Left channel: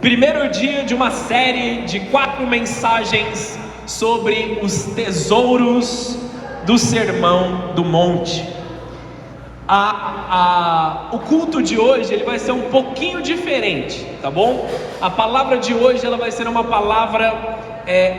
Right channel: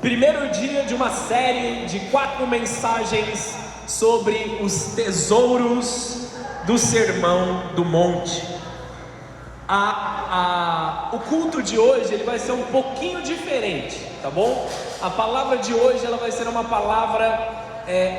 Primeiro dia de uma série de 4 mensagens sobre os tesouros do Sermão do Monte. O culto de hoje ele vai ser um pouquinho diferente, tá bom? A palavra de hoje ela vai ser uma palavra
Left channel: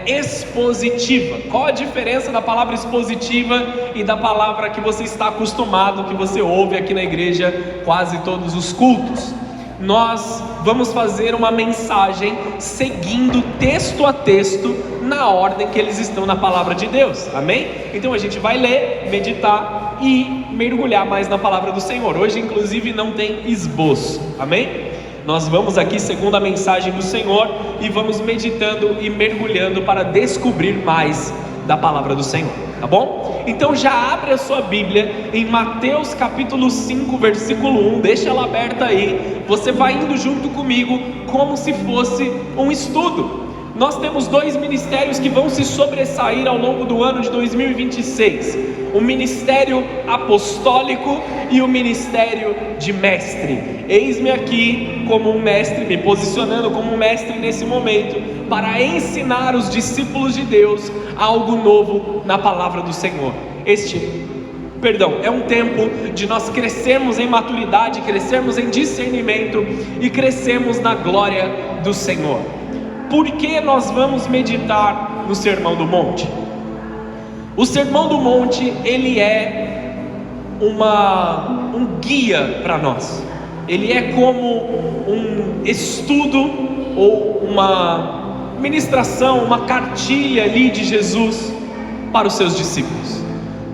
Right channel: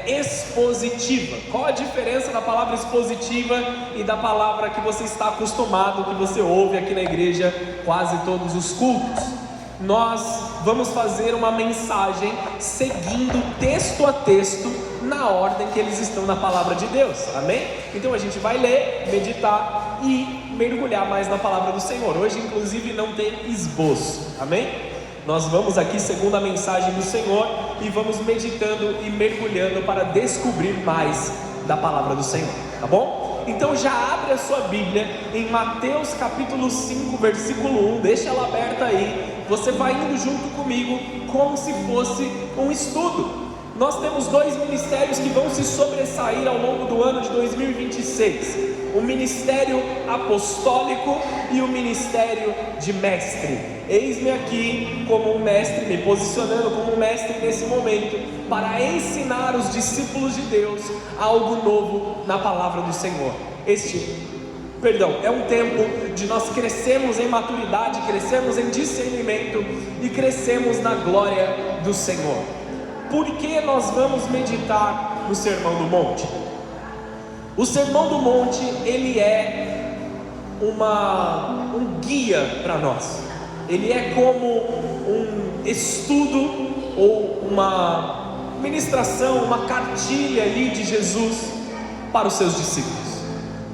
expositiva. Qual a diferença da palavra expositiva e da palavra que você está acostumado, que você ouve aqui na igreja quase todos os cultos? Nós vamos fazer uma mensagem seguindo texto a texto na ordem que eles estão na palavra de Deus, amém? Então a gente vai ler, meditar e mergulhar mais na palavra do Senhor. Hoje inclusive não tem esboço, amém? Nós vamos aqui segundo a mensagem do Senhor e vamos meditando e mergulhando para descobrir mais da palavra do Senhor, tá bom? Então já abre a sua Bíblia em Mateus capítulo 5, versículo 1, deixa ela aberta aí, você vai indo junto comigo como se fosse um estudo. Nós temos 2 ministérios que vão se sobressair ao longo do ano de 2026, o ministério apostólico e o ministério de mestre. Eis-me aqui como um mestre, me posicionando como um mestre nesse momento, para ensinar os discípulos de Deus algo novo na palavra do Senhor. É um tempo de nós crescermos em maturidade, crescermos em discernimento e crescermos na glória do Senhor. Por que nós vamos meditar no Sermão do Monte? O Sermão do Monte, ele é um guia para nós. Ele é como um estudo ou uma ministração, uma cartilha ali de Jesus para os seus discípulos.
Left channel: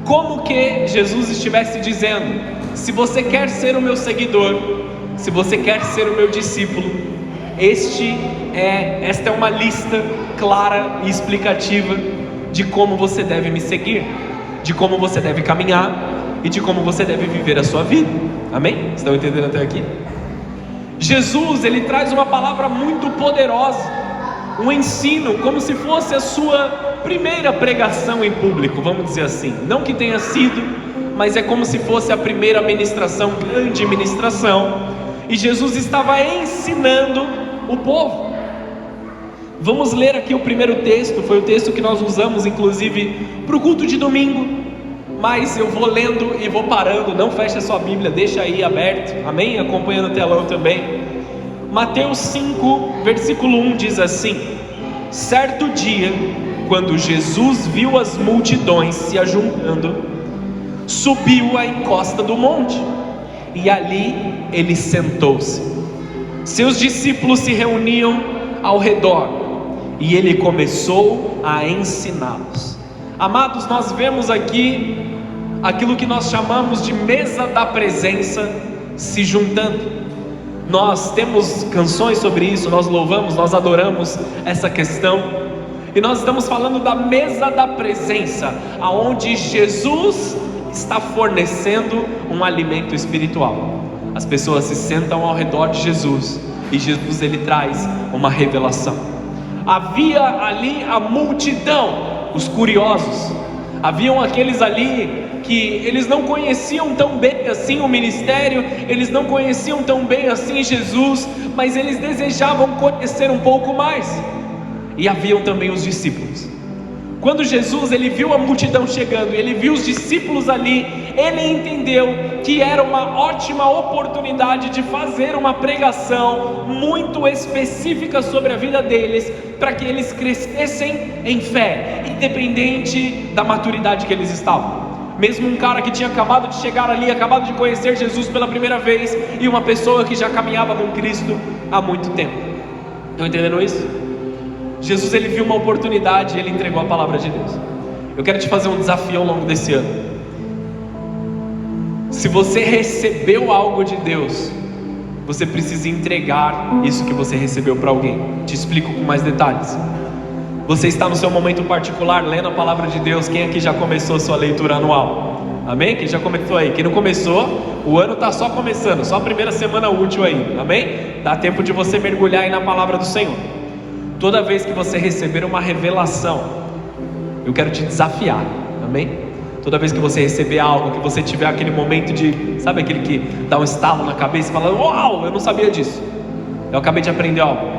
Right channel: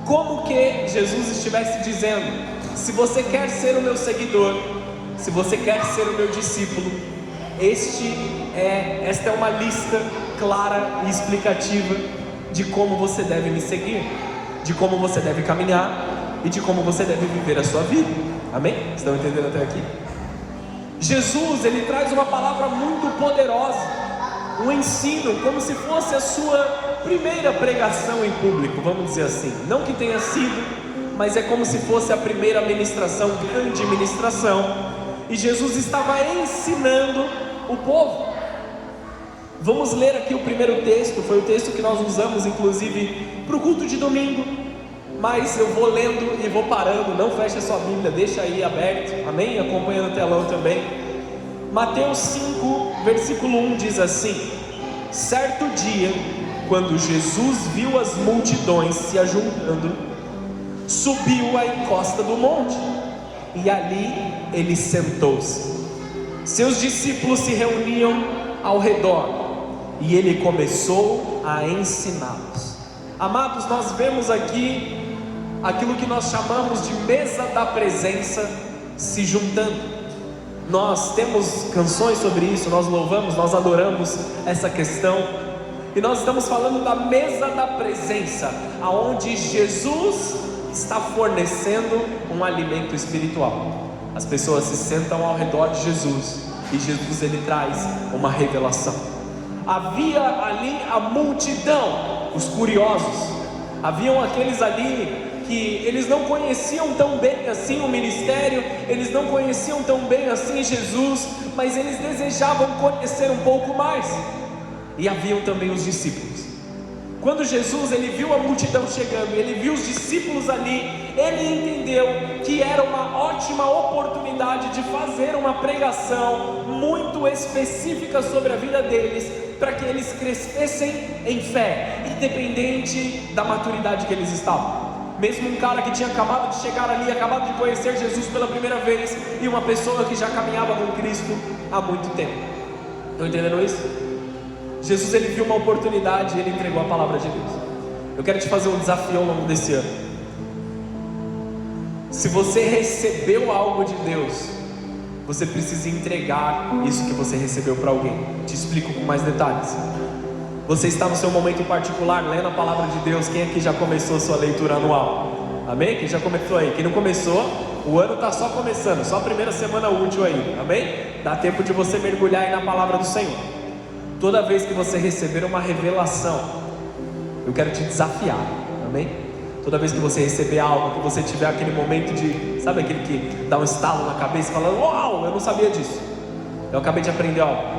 Como que Jesus estivesse dizendo: se você quer ser o meu seguidor, se você quer ser o meu discípulo, esta é uma lista clara e explicativa de como você deve me seguir, de como você deve caminhar e de como você deve viver a sua vida. Amém? Estão entendendo até aqui? Jesus, ele traz uma palavra muito poderosa, um ensino, como se fosse a sua primeira pregação em público, vamos dizer assim. Não que tenha sido, mas é como se fosse a primeira ministração, grande ministração. E Jesus estava ensinando o povo. Vamos ler aqui o primeiro texto, foi o texto que nós usamos inclusive para o culto de domingo, mas eu vou lendo e vou parando, não feche a sua Bíblia, deixa aí aberto, amém? Acompanhando o telão também. Mateus 5, versículo 1 diz assim: certo dia, quando Jesus viu as multidões se ajuntando, subiu à encosta do monte, e ali ele sentou-se. Seus discípulos se reuniam ao redor, e ele começou a ensiná-los. Amados, nós vemos aqui aquilo que nós chamamos de mesa da presença se juntando. Nós temos canções sobre isso, nós louvamos, nós adoramos essa questão. E nós estamos falando da mesa da presença, aonde Jesus está fornecendo um alimento espiritual. As pessoas se sentam ao redor de Jesus e Jesus ele traz uma revelação. Havia ali a multidão, os curiosos. Haviam aqueles ali que eles não conheciam tão bem assim o ministério, eles não conheciam tão bem assim Jesus, mas eles desejavam conhecer um pouco mais. E haviam também os discípulos. Quando Jesus ele viu a multidão chegando, ele viu os discípulos ali, ele entendeu que era uma ótima oportunidade de fazer uma pregação muito específica sobre a vida deles, para que eles crescessem em fé, independente da maturidade que eles estavam. Mesmo um cara que tinha acabado de chegar ali, acabado de conhecer Jesus pela primeira vez, e uma pessoa que já caminhava com Cristo há muito tempo. Estão entendendo isso? Jesus ele viu uma oportunidade e ele entregou a palavra de Deus. Eu quero te fazer um desafio ao longo desse ano. Se você recebeu algo de Deus, você precisa entregar isso que você recebeu para alguém. Te explico com mais detalhes. Você está no seu momento particular lendo a palavra de Deus. Quem aqui já começou sua leitura anual? Amém? Quem já começou aí? Quem não começou, o ano está só começando, só a primeira semana útil aí. Amém? Dá tempo de você mergulhar aí na palavra do Senhor. Toda vez que você receber uma revelação, eu quero te desafiar, amém? Toda vez que você receber algo, que você tiver aquele momento de, sabe aquele que dá um estalo na cabeça e fala: uau, eu não sabia disso, eu acabei de aprender algo.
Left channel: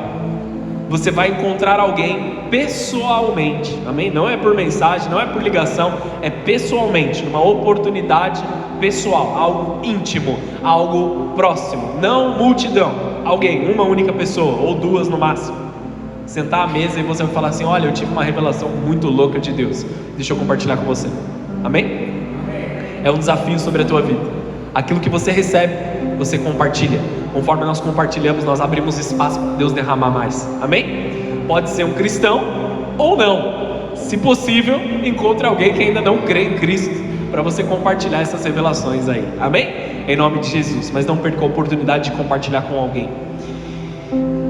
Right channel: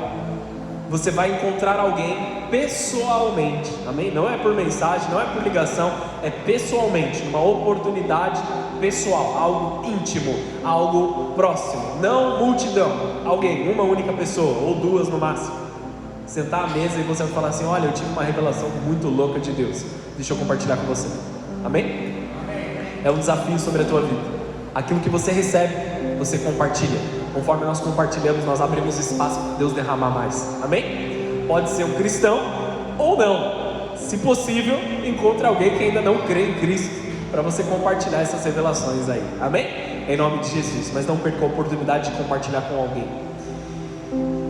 você vai encontrar alguém pessoalmente, amém? Não é por mensagem, não é por ligação, é pessoalmente, uma oportunidade pessoal, algo íntimo, algo próximo, não multidão, alguém, uma única pessoa, ou duas no máximo, sentar à mesa e você vai falar assim: olha, eu tive uma revelação muito louca de Deus, deixa eu compartilhar com você, amém? É um desafio sobre a tua vida, aquilo que você recebe, você compartilha. Conforme nós compartilhamos, nós abrimos espaço para Deus derramar mais, amém? Pode ser um cristão ou não, se possível, encontre alguém que ainda não crê em Cristo, para você compartilhar essas revelações aí, amém? Em nome de Jesus, mas não perca a oportunidade de compartilhar com alguém.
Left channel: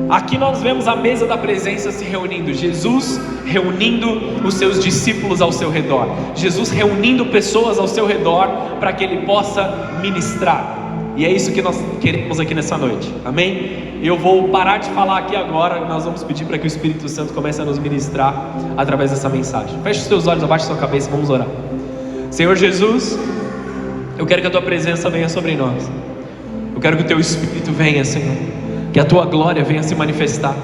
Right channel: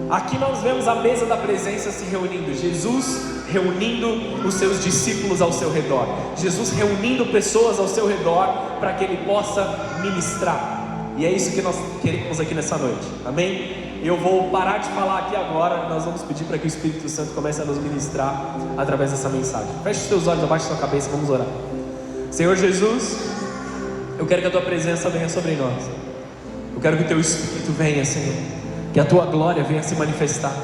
Aqui nós vemos a mesa da presença se reunindo, Jesus reunindo os seus discípulos ao seu redor, Jesus reunindo pessoas ao seu redor para que Ele possa ministrar. E é isso que nós queremos aqui nessa noite, amém? E eu vou parar de falar aqui agora, nós vamos pedir para que o Espírito Santo comece a nos ministrar através dessa mensagem. Feche os teus olhos, abaixe a sua cabeça, vamos orar. Senhor Jesus, eu quero que a Tua presença venha sobre nós, eu quero que o Teu Espírito venha, Senhor, que a Tua glória venha se manifestar.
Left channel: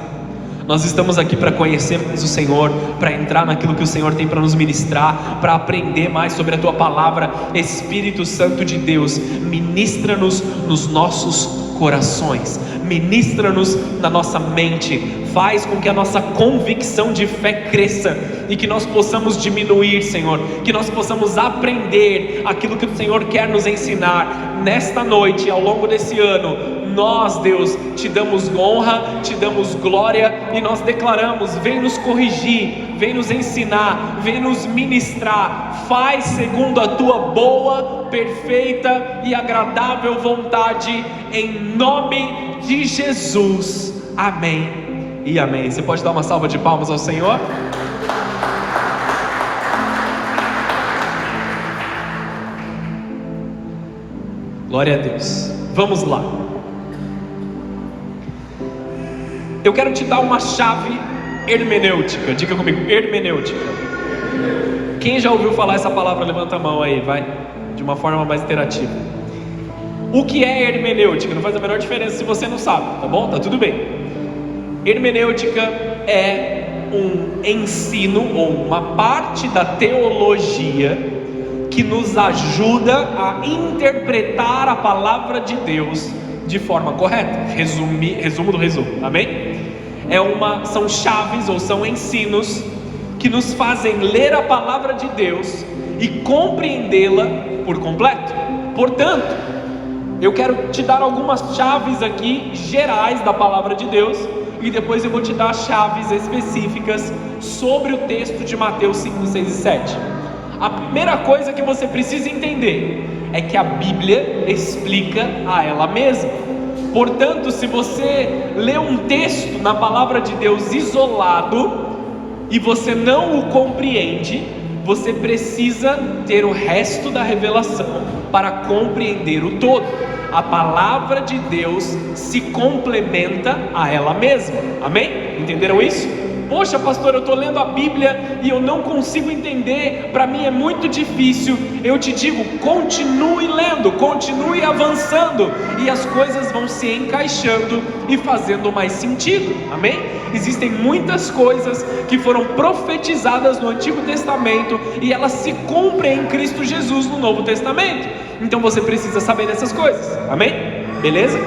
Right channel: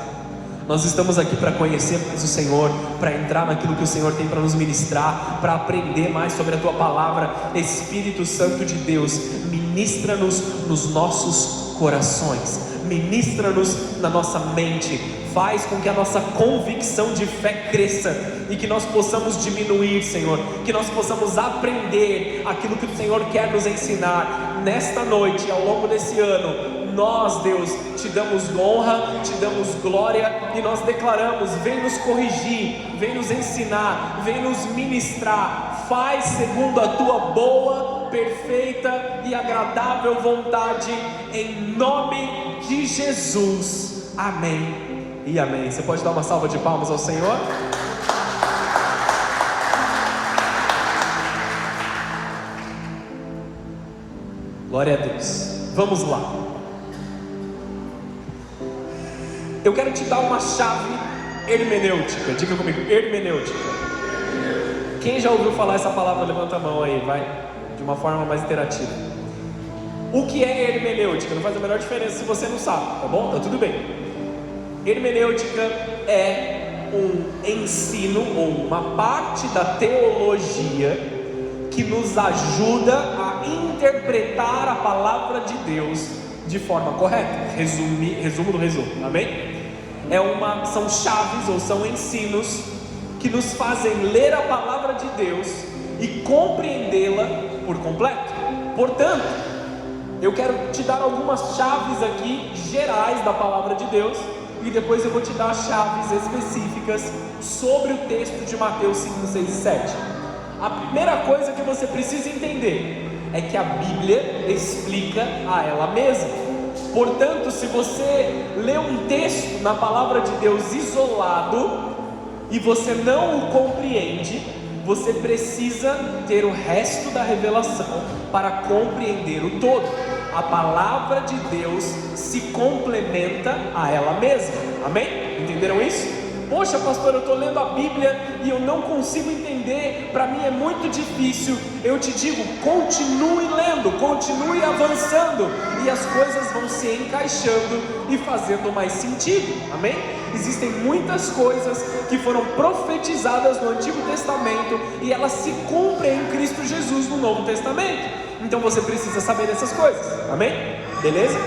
Nós estamos aqui para conhecer mais o Senhor, para entrar naquilo que o Senhor tem para nos ministrar, para aprender mais sobre a Tua palavra. Espírito Santo de Deus, ministra-nos nos nossos corações, ministra-nos na nossa mente, faz com que a nossa convicção de fé cresça e que nós possamos diminuir, Senhor, que nós possamos aprender aquilo que o Senhor quer nos ensinar nesta noite, ao longo desse ano. Nós, Deus, Te damos honra, Te damos glória e nós declaramos: vem nos corrigir, vem nos ensinar, vem nos ministrar, faz segundo a Tua boa, perfeita e agradável vontade, em nome de Jesus, amém e amém. Você pode dar uma salva de palmas ao Senhor? Glória a Deus. Vamos lá. Eu quero te dar uma chave hermenêutica. Diga comigo, hermenêutica. Quem já ouviu falar essa palavra, levanta a mão aí, vai, de uma forma mais interativa. O que é hermenêutica? Não faz a menor diferença se você não sabe, tá bom? Tá tudo bem. Hermenêutica é um ensino ou uma parte da teologia que nos ajuda a interpretar a palavra de Deus de forma correta. Resumo do resumo, amém? São chaves ou são ensinos que nos fazem ler a palavra de Deus e compreendê-la por completo. Portanto, eu quero te dar algumas chaves aqui gerais da palavra de Deus e depois eu vou te dar chaves específicas sobre o texto de Mateus 5, 6 e 7. A primeira coisa que você precisa entender é que a Bíblia explica a ela mesma. Portanto, se você lê um texto na palavra de Deus isolado e você não o compreende, você precisa ter o resto da revelação para compreender o todo. A palavra de Deus se complementa a ela mesma, amém? Entenderam isso? Poxa, pastor, eu estou lendo a Bíblia e eu não consigo entender, para mim é muito difícil. Eu te digo, continue lendo, continue avançando e as coisas vão se encaixando e fazendo mais sentido, amém? Existem muitas coisas que foram profetizadas no Antigo Testamento e elas se cumprem em Cristo Jesus no Novo Testamento. Então você precisa saber dessas coisas, amém? Beleza?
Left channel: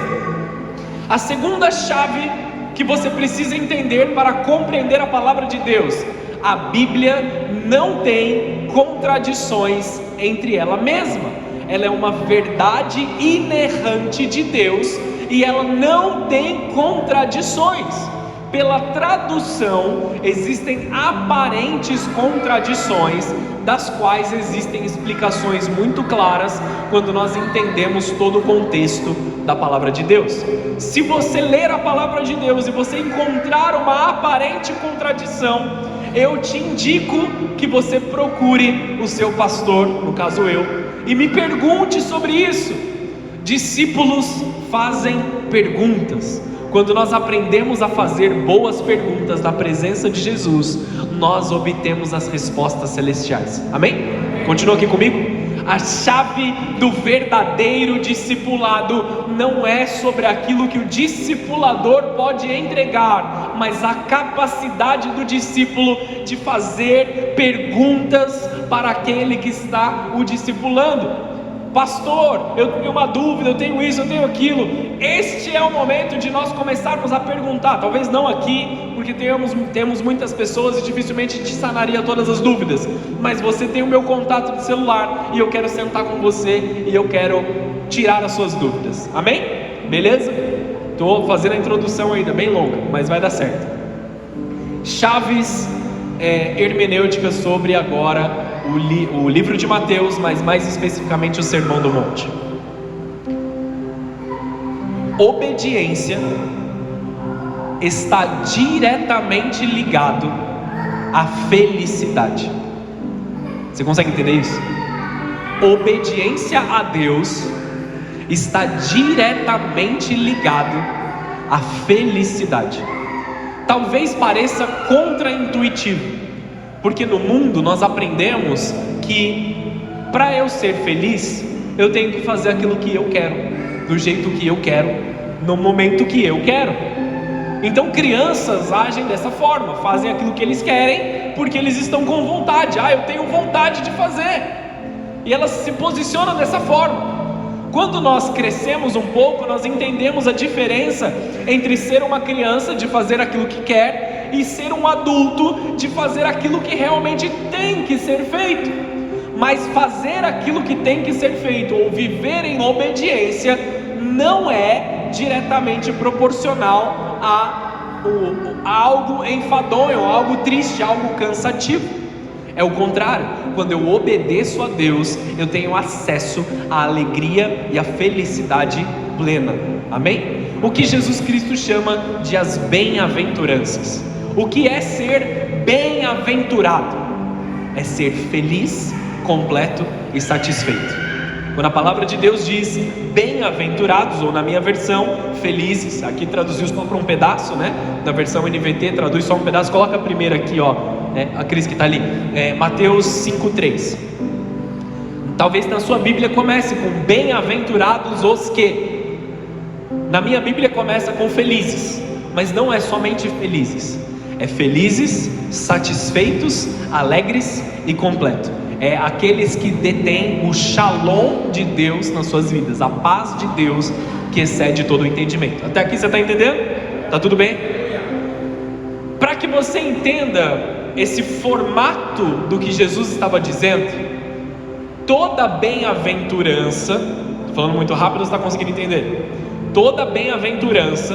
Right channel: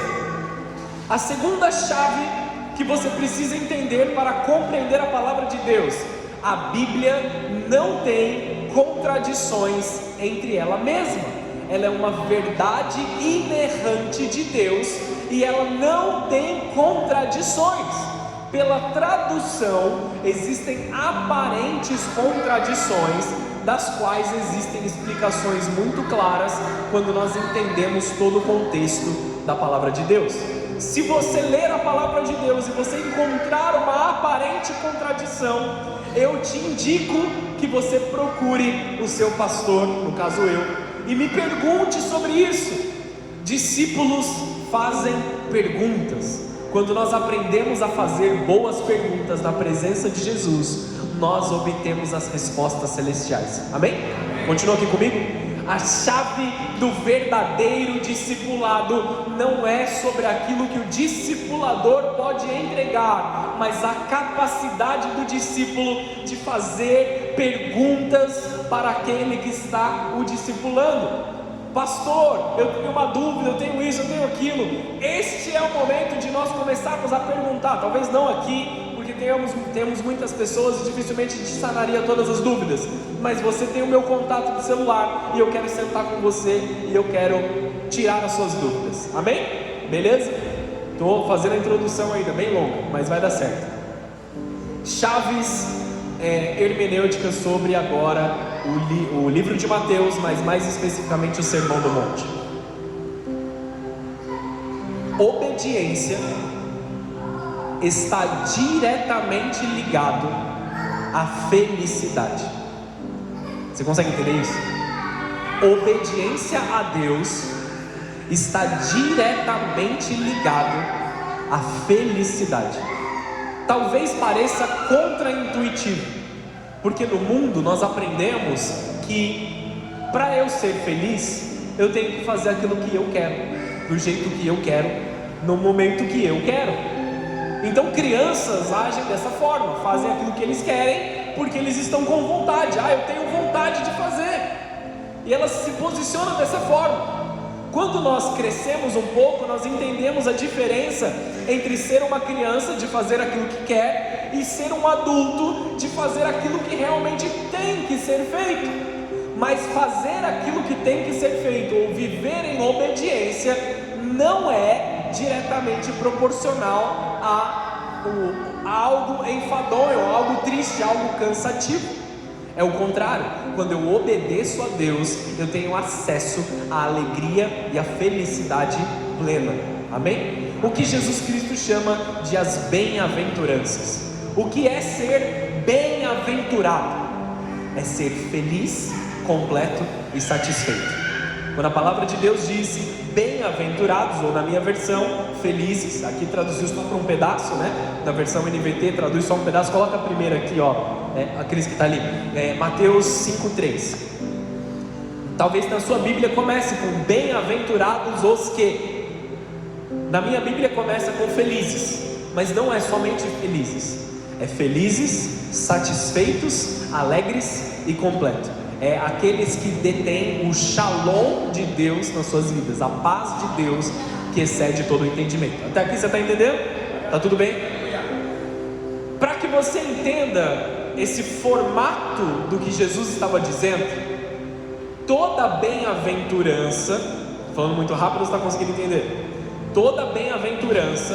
A segunda chave que você precisa entender para compreender a palavra de Deus: a Bíblia não tem contradições entre ela mesma. Ela é uma verdade inerrante de Deus e ela não tem contradições. Pela tradução, existem aparentes contradições, das quais existem explicações muito claras quando nós entendemos todo o contexto da palavra de Deus. Se você ler a palavra de Deus e você encontrar uma aparente contradição, eu te indico que você procure o seu pastor, no caso eu, e me pergunte sobre isso. Discípulos fazem perguntas. Quando nós aprendemos a fazer boas perguntas na presença de Jesus, nós obtemos as respostas celestiais, amém? Continua aqui comigo. A chave do verdadeiro discipulado não é sobre aquilo que o discipulador pode entregar, mas a capacidade do discípulo de fazer perguntas para aquele que está o discipulando. Pastor, eu tenho uma dúvida, eu tenho isso, eu tenho aquilo. Este é o momento de nós começarmos a perguntar. Talvez não aqui, porque temos muitas pessoas e dificilmente a gente sanaria todas as dúvidas. Mas você tem o meu contato de celular e eu quero sentar com você e eu quero tirar as suas dúvidas. Amém? Beleza? Estou fazendo a introdução ainda, bem longa, mas vai dar certo. Chaves hermenêuticas sobre agora o livro de Mateus, mas mais especificamente o Sermão do Monte. Obediência está diretamente ligado à felicidade. Você consegue entender isso? Obediência a Deus está diretamente ligado à felicidade. Talvez pareça contraintuitivo, porque no mundo nós aprendemos que para eu ser feliz, eu tenho que fazer aquilo que eu quero, do jeito que eu quero, no momento que eu quero. Então crianças agem dessa forma, fazem aquilo que eles querem, porque eles estão com vontade. Eu tenho vontade de fazer. E elas se posicionam dessa forma. Quando nós crescemos um pouco, nós entendemos a diferença entre ser uma criança, de fazer aquilo que quer, e ser um adulto, de fazer aquilo que realmente tem que ser feito. Mas fazer aquilo que tem que ser feito, ou viver em obediência, não é diretamente proporcional a algo enfadonho, algo triste, algo cansativo. É o contrário. Quando eu obedeço a Deus, eu tenho acesso à alegria e à felicidade plena. Amém? O que Jesus Cristo chama de as bem-aventuranças. O que é ser bem-aventurado? É ser feliz, completo e satisfeito. Quando a palavra de Deus diz bem-aventurados, ou na minha versão, felizes, aqui traduziu só para um pedaço, né? Na versão NVT traduz só um pedaço. Coloca a primeira aqui, a Cris que está ali, Mateus 5,3. Talvez na sua Bíblia comece com bem-aventurados os que. Na minha Bíblia começa com felizes, mas não é somente felizes, é felizes, satisfeitos, alegres e completos. É aqueles que detêm o shalom de Deus nas suas vidas, a paz de Deus que excede todo o entendimento. Até aqui você está entendendo? Está tudo bem? Para que você entenda esse formato do que Jesus estava dizendo, toda bem-aventurança, estou falando muito rápido, você está conseguindo entender? Toda bem-aventurança,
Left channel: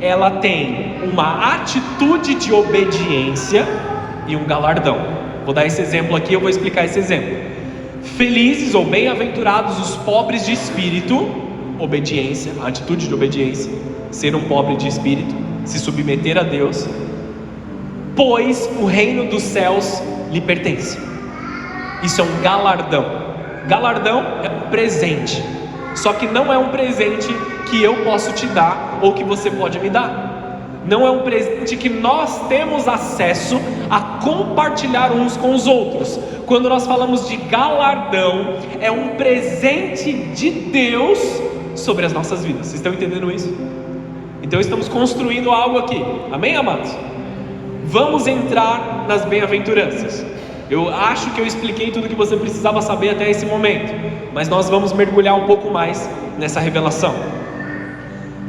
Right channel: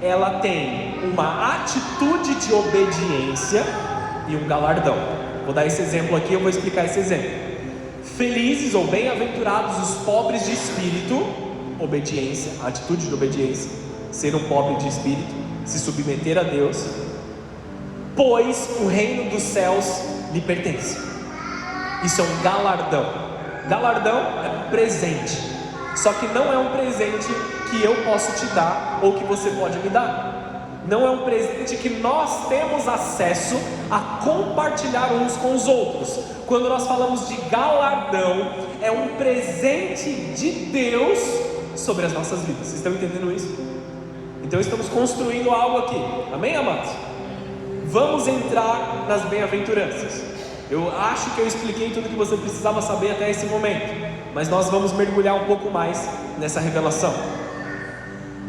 ela tem uma atitude de obediência e um galardão. Vou dar esse exemplo aqui, eu vou explicar esse exemplo. Felizes ou bem-aventurados os pobres de espírito, obediência, atitude de obediência, ser um pobre de espírito, se submeter a Deus, pois o reino dos céus lhe pertence. Isso é um galardão. Galardão é um presente, só que não é um presente que eu posso te dar ou que você pode me dar. Não é um presente que nós temos acesso a compartilhar uns com os outros. Quando nós falamos de galardão, é um presente de Deus sobre as nossas vidas. Vocês estão entendendo isso? Então estamos construindo algo aqui. Amém, amados? Vamos entrar nas bem-aventuranças. Eu acho que eu expliquei tudo que você precisava saber até esse momento, mas nós vamos mergulhar um pouco mais nessa revelação.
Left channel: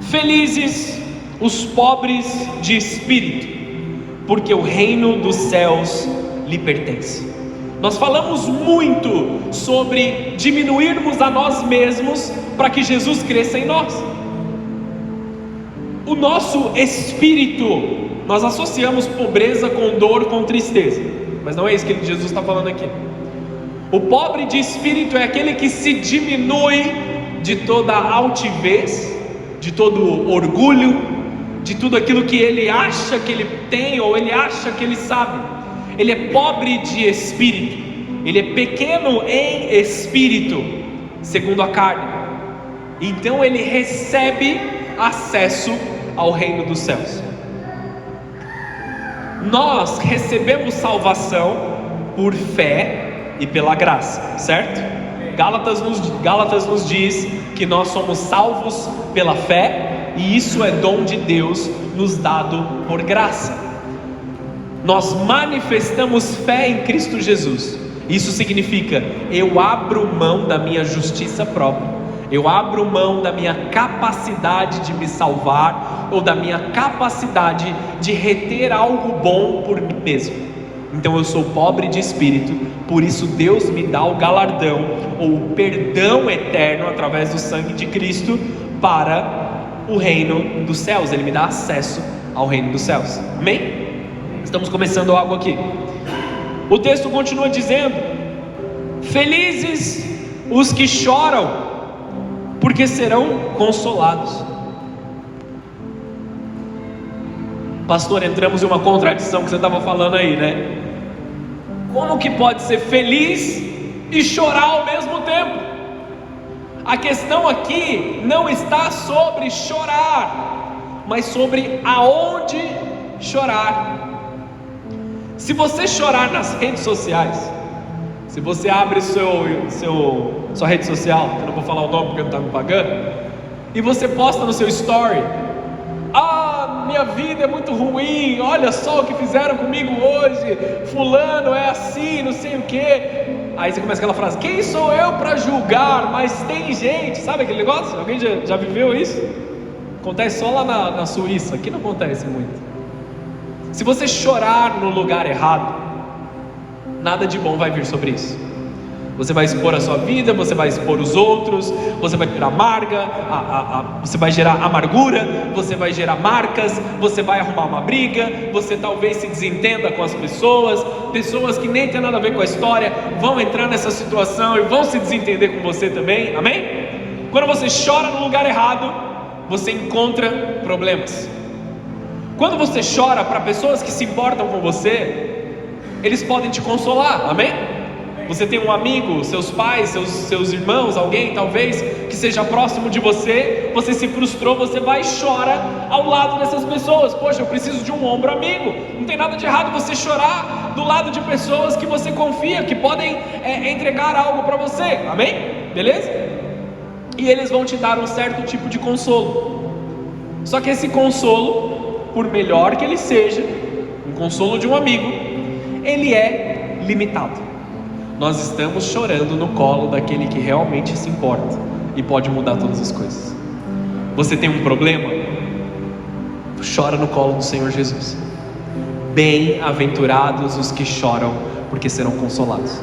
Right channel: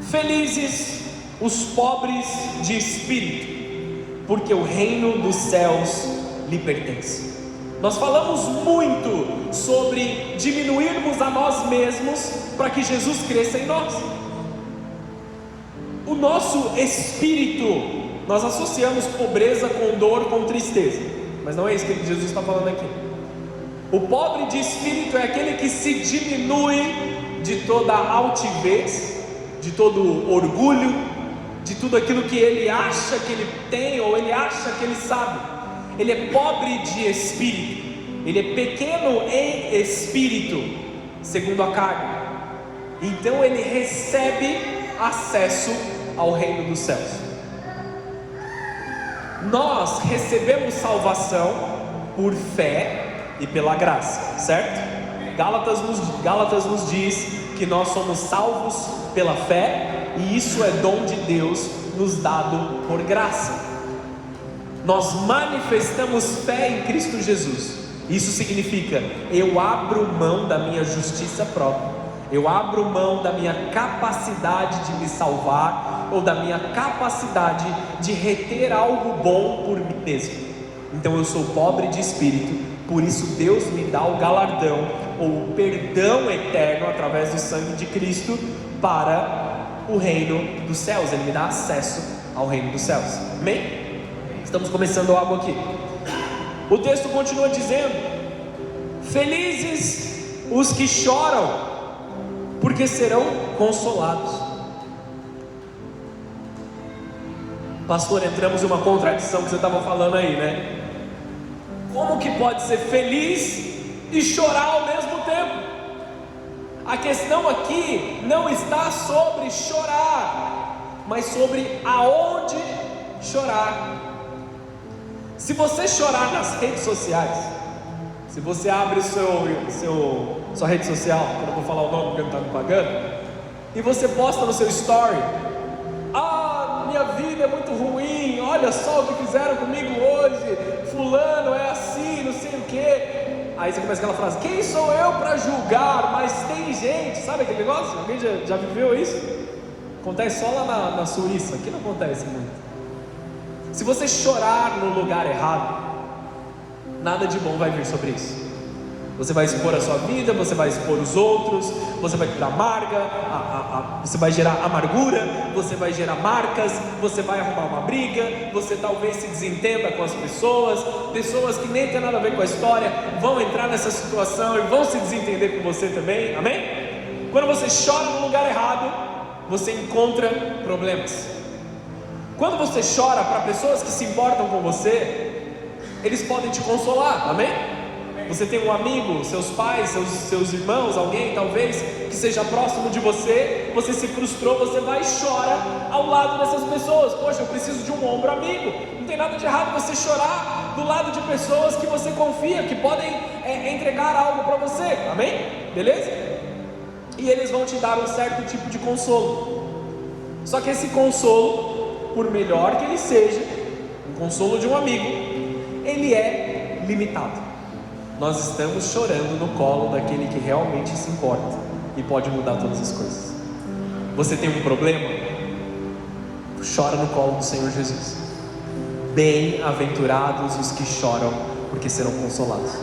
Felizes os pobres de espírito, porque o reino dos céus lhe pertence. Nós falamos muito sobre diminuirmos a nós mesmos para que Jesus cresça em nós. O nosso espírito, nós associamos pobreza com dor, com tristeza, mas não é isso que Jesus está falando aqui. O pobre de espírito é aquele que se diminui de toda a altivez, de todo o orgulho, de tudo aquilo que ele acha que ele tem ou ele acha que ele sabe. Ele é pobre de espírito, ele é pequeno em espírito, segundo a carne. Então ele recebe acesso ao reino dos céus. Nós recebemos salvação por fé e pela graça, certo? Gálatas nos diz que nós somos salvos pela fé e isso é dom de Deus nos dado por graça. Nós manifestamos fé em Cristo Jesus. Isso significa, eu abro mão da minha justiça própria, eu abro mão da minha capacidade de me salvar, ou da minha capacidade de reter algo bom por mim mesmo. Então eu sou pobre de espírito, por isso Deus me dá o galardão, ou o perdão eterno através do sangue de Cristo, para o reino dos céus. Ele me dá acesso ao reino dos céus. Amém? Estamos começando algo aqui. O texto continua dizendo: felizes os que choram, porque serão consolados. Pastor, entramos em uma contradição que você estava falando aí, né? Como que pode ser feliz e chorar ao mesmo tempo? A questão aqui não está sobre chorar, mas sobre aonde chorar. Se você chorar nas redes sociais, se você abre sua rede social, eu não vou falar o nome porque não está me pagando, e você posta no seu story: ah, minha vida é muito ruim, olha só o que fizeram comigo hoje, fulano é assim, não sei o que. Aí você começa aquela frase: quem sou eu para julgar? Mas tem gente, sabe aquele negócio? Alguém já viveu isso? Acontece só lá na Suíça, aqui não acontece muito. Se você chorar no lugar errado, nada de bom vai vir sobre isso. Você vai expor a sua vida, você vai expor os outros, você vai gerar você vai gerar amargura, você vai gerar marcas, você vai arrumar uma briga, você talvez se desentenda com as pessoas que nem tem nada a ver com a história, vão entrar nessa situação e vão se desentender com você também, amém? Quando você chora no lugar errado, você encontra problemas. Quando você chora para pessoas que se importam com você, eles podem te consolar, amém? Você tem um amigo, seus pais, seus irmãos, alguém talvez que seja próximo de você, você se frustrou, você vai e chora ao lado dessas pessoas. Poxa, eu preciso de um ombro amigo. Não tem nada de errado você chorar do lado de pessoas que você confia, que podem entregar algo para você, amém? Beleza? E eles vão te dar um certo tipo de consolo. Só que esse consolo, por melhor que ele seja, um consolo de um amigo, ele é limitado. Nós estamos chorando no colo daquele que realmente se importa e pode mudar todas as coisas. Você tem um problema? Chora no colo do Senhor Jesus. Bem-aventurados os que choram, porque serão consolados.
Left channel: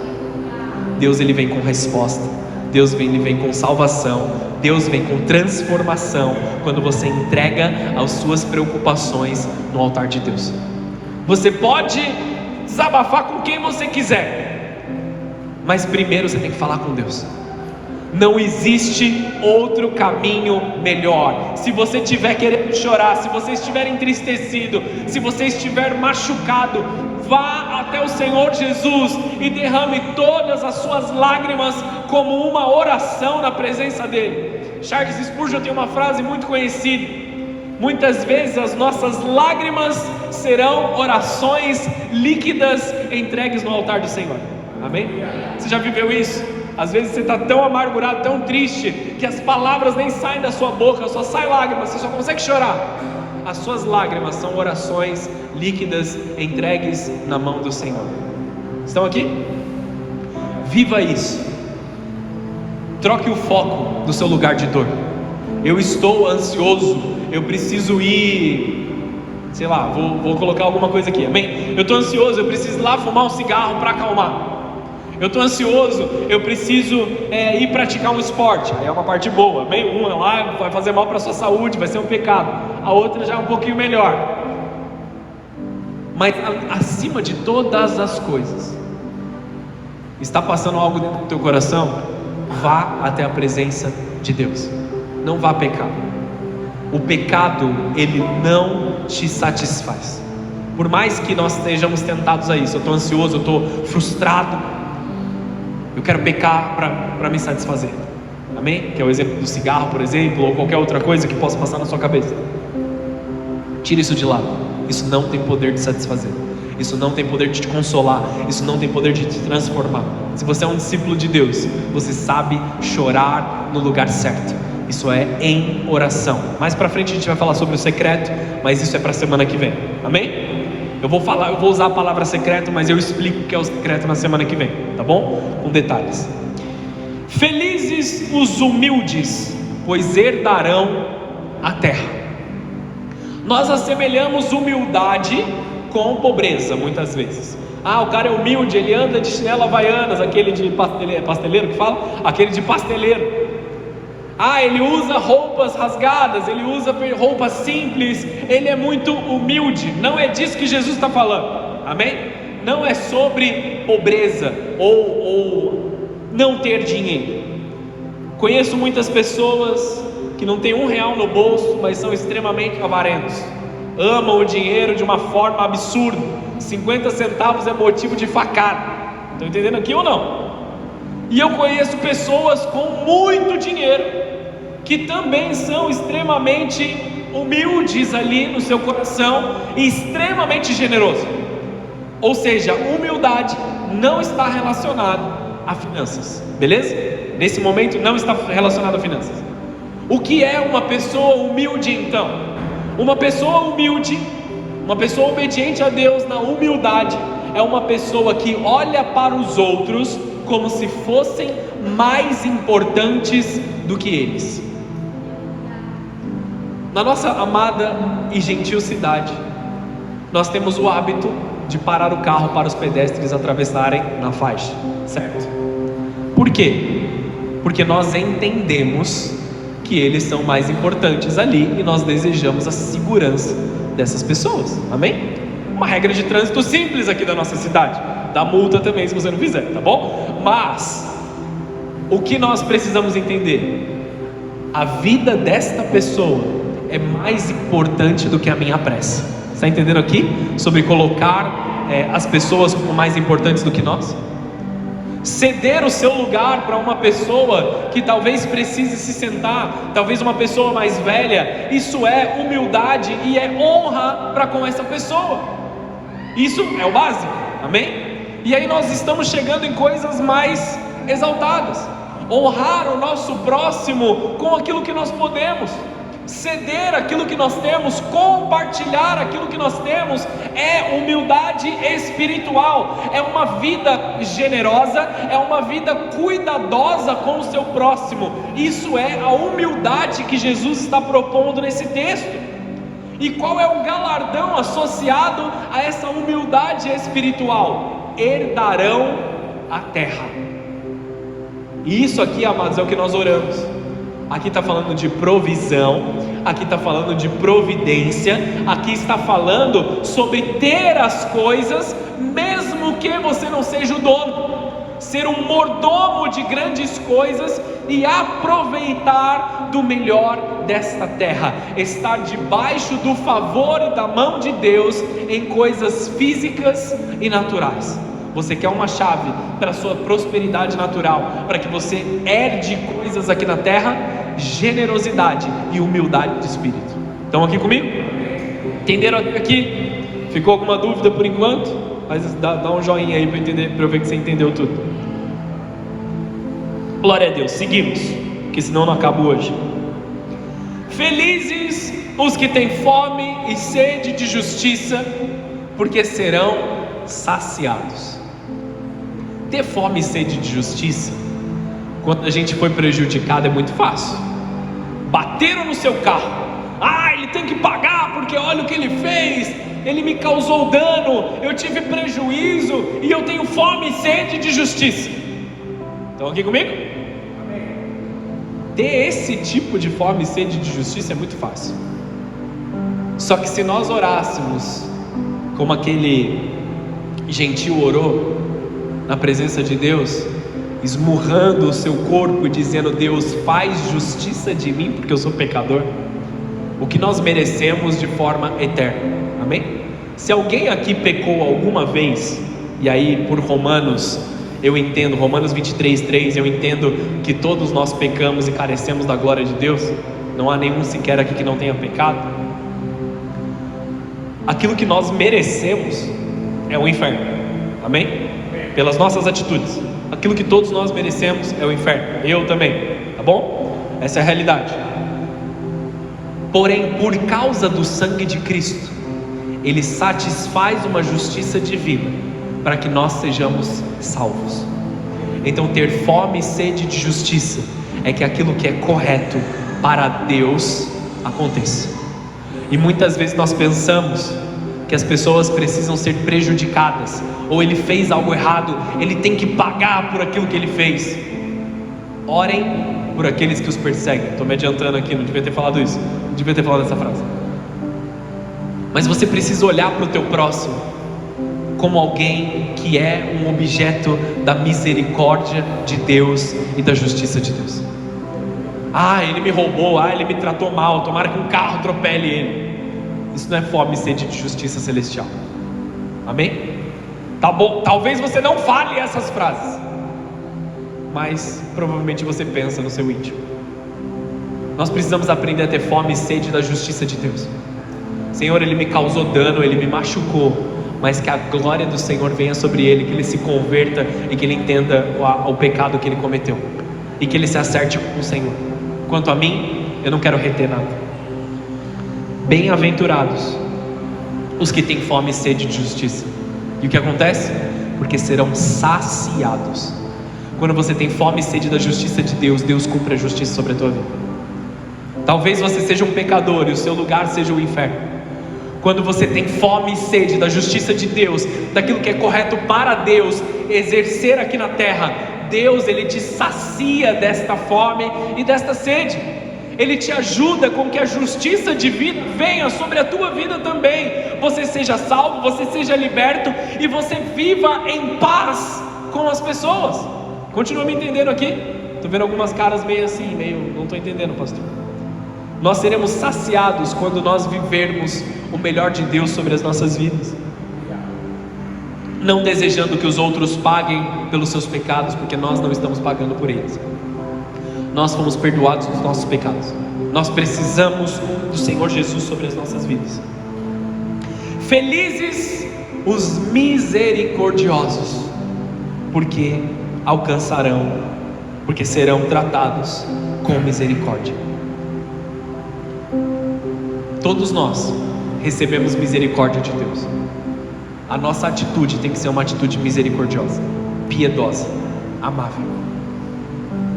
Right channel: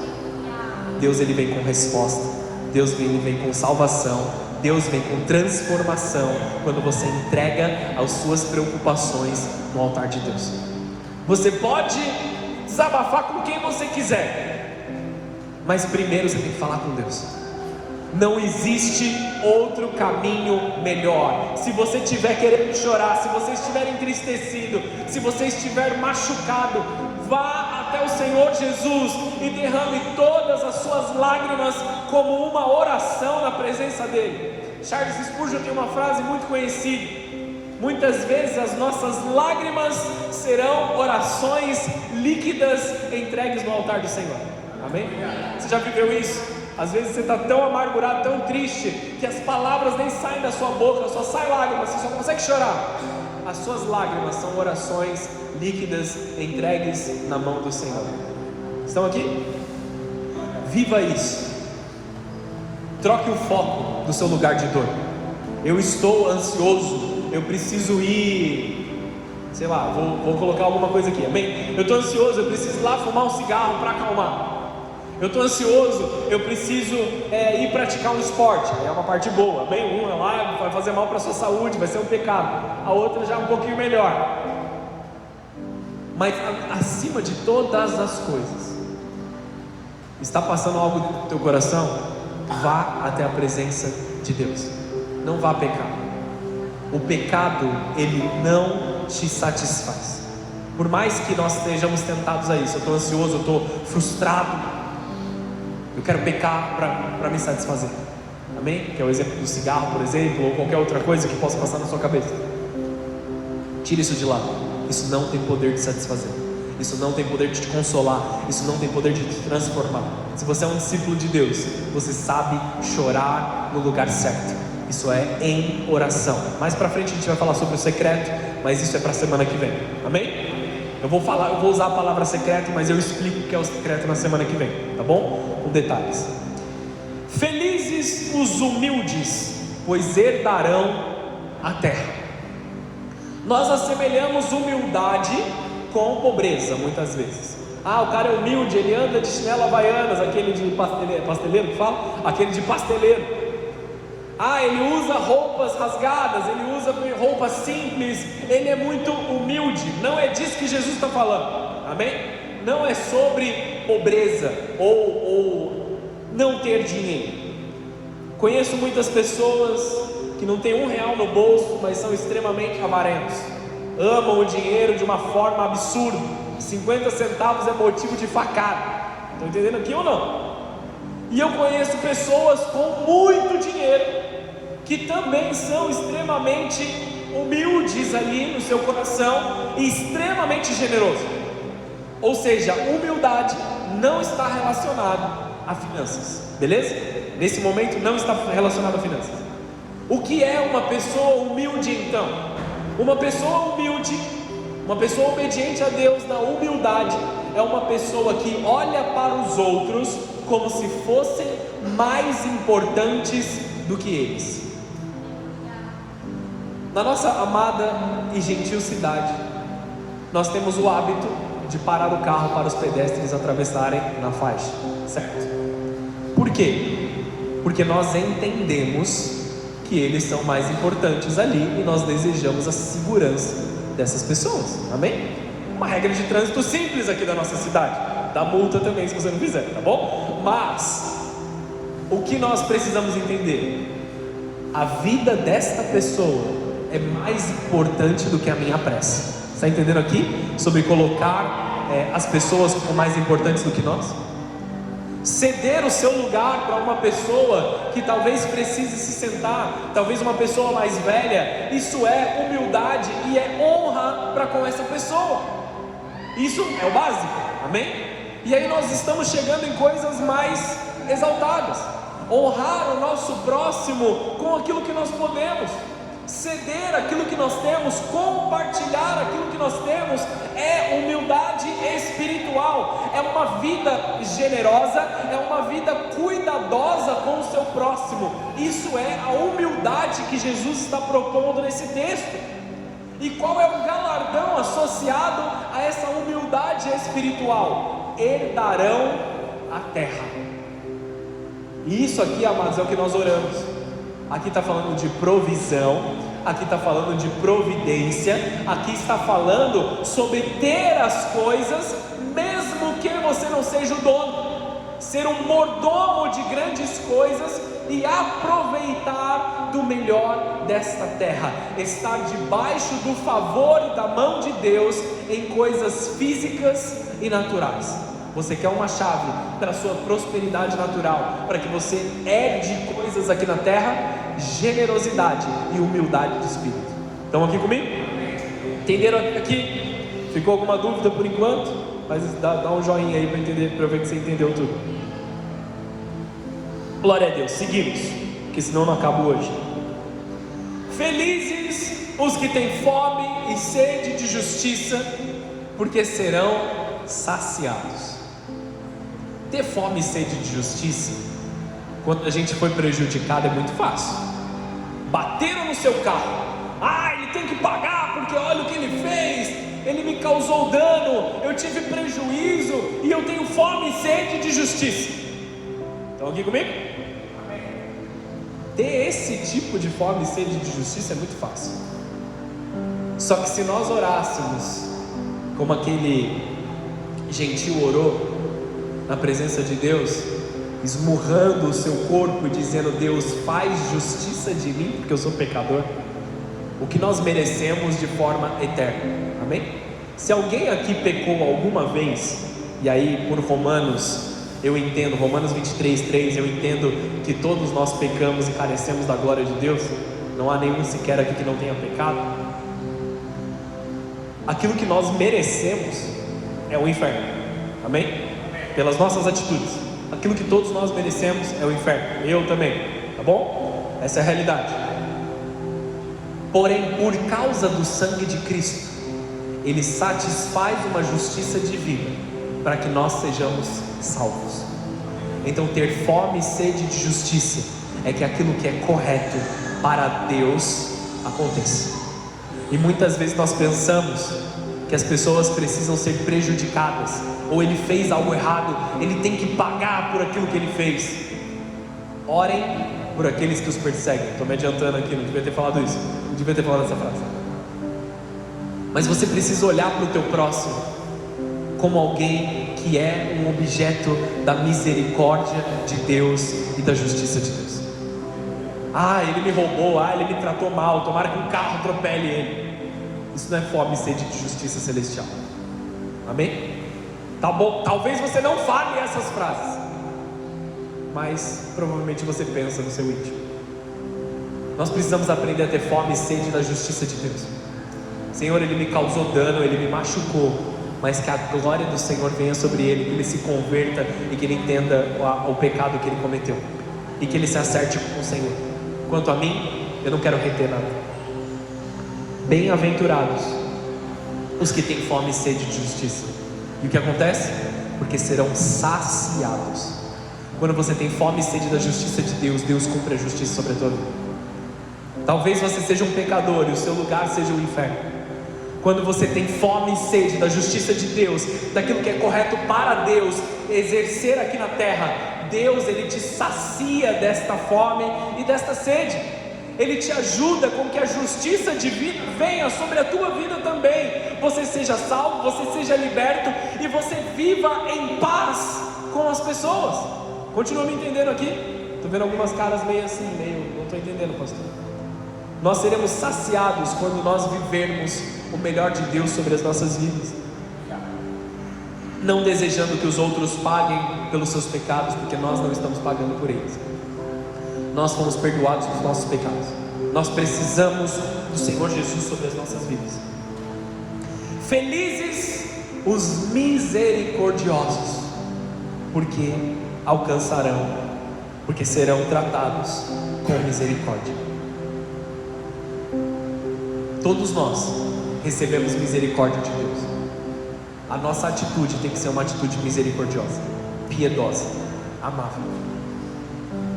Deus, ele vem com resposta. Deus ele vem com salvação. Deus vem com transformação quando você entrega as suas preocupações no altar de Deus. Você pode desabafar com quem você quiser, mas primeiro você tem que falar com Deus. Não existe outro caminho melhor. Se você estiver querendo chorar, se você estiver entristecido, se você estiver machucado, vá até o Senhor Jesus e derrame todas as suas lágrimas como uma oração na presença dele. Charles Spurgeon tem uma frase muito conhecida: muitas vezes as nossas lágrimas serão orações líquidas entregues no altar do Senhor. Amém? Você já viveu isso? Às vezes você está tão amargurado, tão triste, que as palavras nem saem da sua boca, só sai lágrimas, você só consegue chorar. As suas lágrimas são orações líquidas entregues na mão do Senhor. Estão aqui? Viva isso. Troque o foco do seu lugar de dor. Eu estou ansioso, eu preciso ir, sei lá, vou colocar alguma coisa aqui, amém? Eu estou ansioso, eu preciso ir lá fumar um cigarro para acalmar. Eu estou ansioso, eu preciso ir praticar um esporte. É uma parte boa, bem, uma lá vai fazer mal para a sua saúde, vai ser um pecado. A outra já é um pouquinho melhor. Mas acima de todas as coisas, está passando algo dentro do teu coração? Vá até a presença de Deus. Não vá pecar. O pecado, ele não te satisfaz. Por mais que nós estejamos tentados a isso, eu estou ansioso, eu estou frustrado, eu quero pecar para me satisfazer. Amém? Que é o exemplo do cigarro, por exemplo, ou qualquer outra coisa que possa passar na sua cabeça. Tira isso de lado. Isso não tem poder de satisfazer. Isso não tem poder de te consolar. Isso não tem poder de te transformar. Se você é um discípulo de Deus, você sabe chorar no lugar certo. Isso é em oração. Mais pra frente a gente vai falar sobre o secreto, mas isso é pra semana que vem, amém? Eu vou usar a palavra secreto, mas eu explico o que é o secreto na semana que vem, tá bom? Com detalhes. Felizes os humildes, pois herdarão a terra. Nós assemelhamos humildade com pobreza, muitas vezes. O cara é humilde, ele anda de chinelo havaianas, aquele de pasteleiro que fala? Aquele de pasteleiro. Ele usa roupas rasgadas, ele usa roupas simples, ele é muito humilde. Não é disso que Jesus está falando, amém? Não é sobre pobreza ou não ter dinheiro. Conheço muitas pessoas que não têm R$1 no bolso, mas são extremamente avarentos, amam o dinheiro de uma forma absurda. 50 centavos é motivo de facada. Estão entendendo aqui ou não? E eu conheço pessoas com muito dinheiro que também são extremamente humildes ali no seu coração e extremamente generosos. Ou seja, humildade não está relacionada a finanças, beleza? Nesse momento não está relacionado a finanças. O que é uma pessoa humilde então? Uma pessoa humilde, uma pessoa obediente a Deus na humildade, é uma pessoa que olha para os outros como se fossem mais importantes do que eles. Na nossa amada e gentil cidade, nós temos o hábito de parar o carro para os pedestres atravessarem na faixa, certo? Por quê? Porque nós entendemos que eles são mais importantes ali e nós desejamos a segurança dessas pessoas, amém? Uma regra de trânsito simples aqui da nossa cidade, dá multa também se você não fizer, tá bom? Mas o que nós precisamos entender? A vida desta pessoa é mais importante do que a minha prece. Você está entendendo aqui? Sobre colocar as pessoas como mais importantes do que nós? Ceder o seu lugar para uma pessoa que talvez precise se sentar, talvez uma pessoa mais velha, isso é humildade e é honra para com essa pessoa. Isso é o básico, amém? E aí nós estamos chegando em coisas mais exaltadas. Honrar o nosso próximo com aquilo que nós podemos. Ceder aquilo que nós temos, compartilhar aquilo que nós temos, é humildade espiritual, é uma vida generosa, é uma vida cuidadosa com o seu próximo. Isso é a humildade que Jesus está propondo nesse texto. E qual é o galardão associado a essa humildade espiritual? Herdarão a terra. E isso aqui, amados, é o que nós oramos. Aqui está falando de provisão, aqui está falando de providência, aqui está falando sobre ter as coisas, mesmo que você não seja o dono, ser um mordomo de grandes coisas e aproveitar do melhor desta terra, estar debaixo do favor da mão de Deus em coisas físicas e naturais. Você quer uma chave para a sua prosperidade natural, para que você herde coisas aqui na terra? Generosidade e humildade de espírito. Estão aqui comigo? Entenderam até aqui? Ficou alguma dúvida por enquanto? Mas dá um joinha aí para entender, para eu ver que você entendeu tudo. Glória a Deus, seguimos, que senão não acaba hoje. Felizes os que têm fome e sede de justiça, porque serão saciados. Ter fome e sede de justiça, quando a gente foi prejudicado, é muito fácil. Bateram no seu carro, ele tem que pagar porque olha o que ele fez, ele me causou dano, eu tive prejuízo e eu tenho fome e sede de justiça. Estão aqui comigo? Ter esse tipo de fome e sede de justiça é muito fácil. Só que se nós orássemos como aquele gentil orou na presença de Deus, esmurrando o seu corpo e dizendo: Deus, faz justiça de mim porque eu sou pecador, o que nós merecemos de forma eterna, amém? Se alguém aqui pecou alguma vez, e aí por Romanos, eu entendo, Romanos 23:3, eu entendo que todos nós pecamos e carecemos da glória de Deus, não há nenhum sequer aqui que não tenha pecado. Aquilo que nós merecemos é o inferno, amém? Pelas nossas atitudes, aquilo que todos nós merecemos é o inferno, eu também, tá bom? Essa é a realidade. Porém, por causa do sangue de Cristo, Ele satisfaz uma justiça divina para que nós sejamos salvos. Então, ter fome e sede de justiça é que aquilo que é correto para Deus aconteça. E muitas vezes nós pensamos que as pessoas precisam ser prejudicadas, ou ele fez algo errado, ele tem que pagar por aquilo que ele fez. Orem por aqueles que os perseguem. Estou me adiantando aqui, não devia ter falado isso, não devia ter falado essa frase. Mas você precisa olhar para o teu próximo como alguém que é um objeto da misericórdia de Deus e da justiça de Deus. Ele me roubou, ele me tratou mal, tomara que um carro atropele ele. Isso não é fome e sede de justiça celestial. Amém? Tá bom, talvez você não fale essas frases, mas provavelmente você pensa no seu íntimo. Nós precisamos aprender a ter fome e sede da justiça de Deus. Senhor, Ele me causou dano, Ele me machucou, mas que a glória do Senhor venha sobre ele, que ele se converta e que ele entenda o pecado que ele cometeu, e que ele se acerte com o Senhor. Quanto a mim, eu não quero reter nada. Bem-aventurados os que têm fome e sede de justiça. E o que acontece? Porque serão saciados. Quando você tem fome e sede da justiça de Deus, Deus cumpre a justiça sobre a tua vida. Talvez você seja um pecador e o seu lugar seja o inferno. Quando você tem fome e sede da justiça de Deus, daquilo que é correto para Deus exercer aqui na terra, Deus, Ele te sacia desta fome e desta sede. Ele te ajuda com que a justiça divina venha sobre a tua vida também. Você seja salvo, você seja liberto e você viva em paz com as pessoas. Continua me entendendo aqui? Estou vendo algumas caras meio assim, não estou entendendo, pastor. Nós seremos saciados quando nós vivermos o melhor de Deus sobre as nossas vidas, não desejando que os outros paguem pelos seus pecados, porque nós não estamos pagando por eles. Nós fomos perdoados dos nossos pecados. Nós precisamos do Senhor Jesus sobre as nossas vidas. Felizes os misericordiosos, porque alcançarão, porque serão tratados com misericórdia. Todos nós recebemos misericórdia de Deus. A nossa atitude tem que ser uma atitude misericordiosa, piedosa, amável.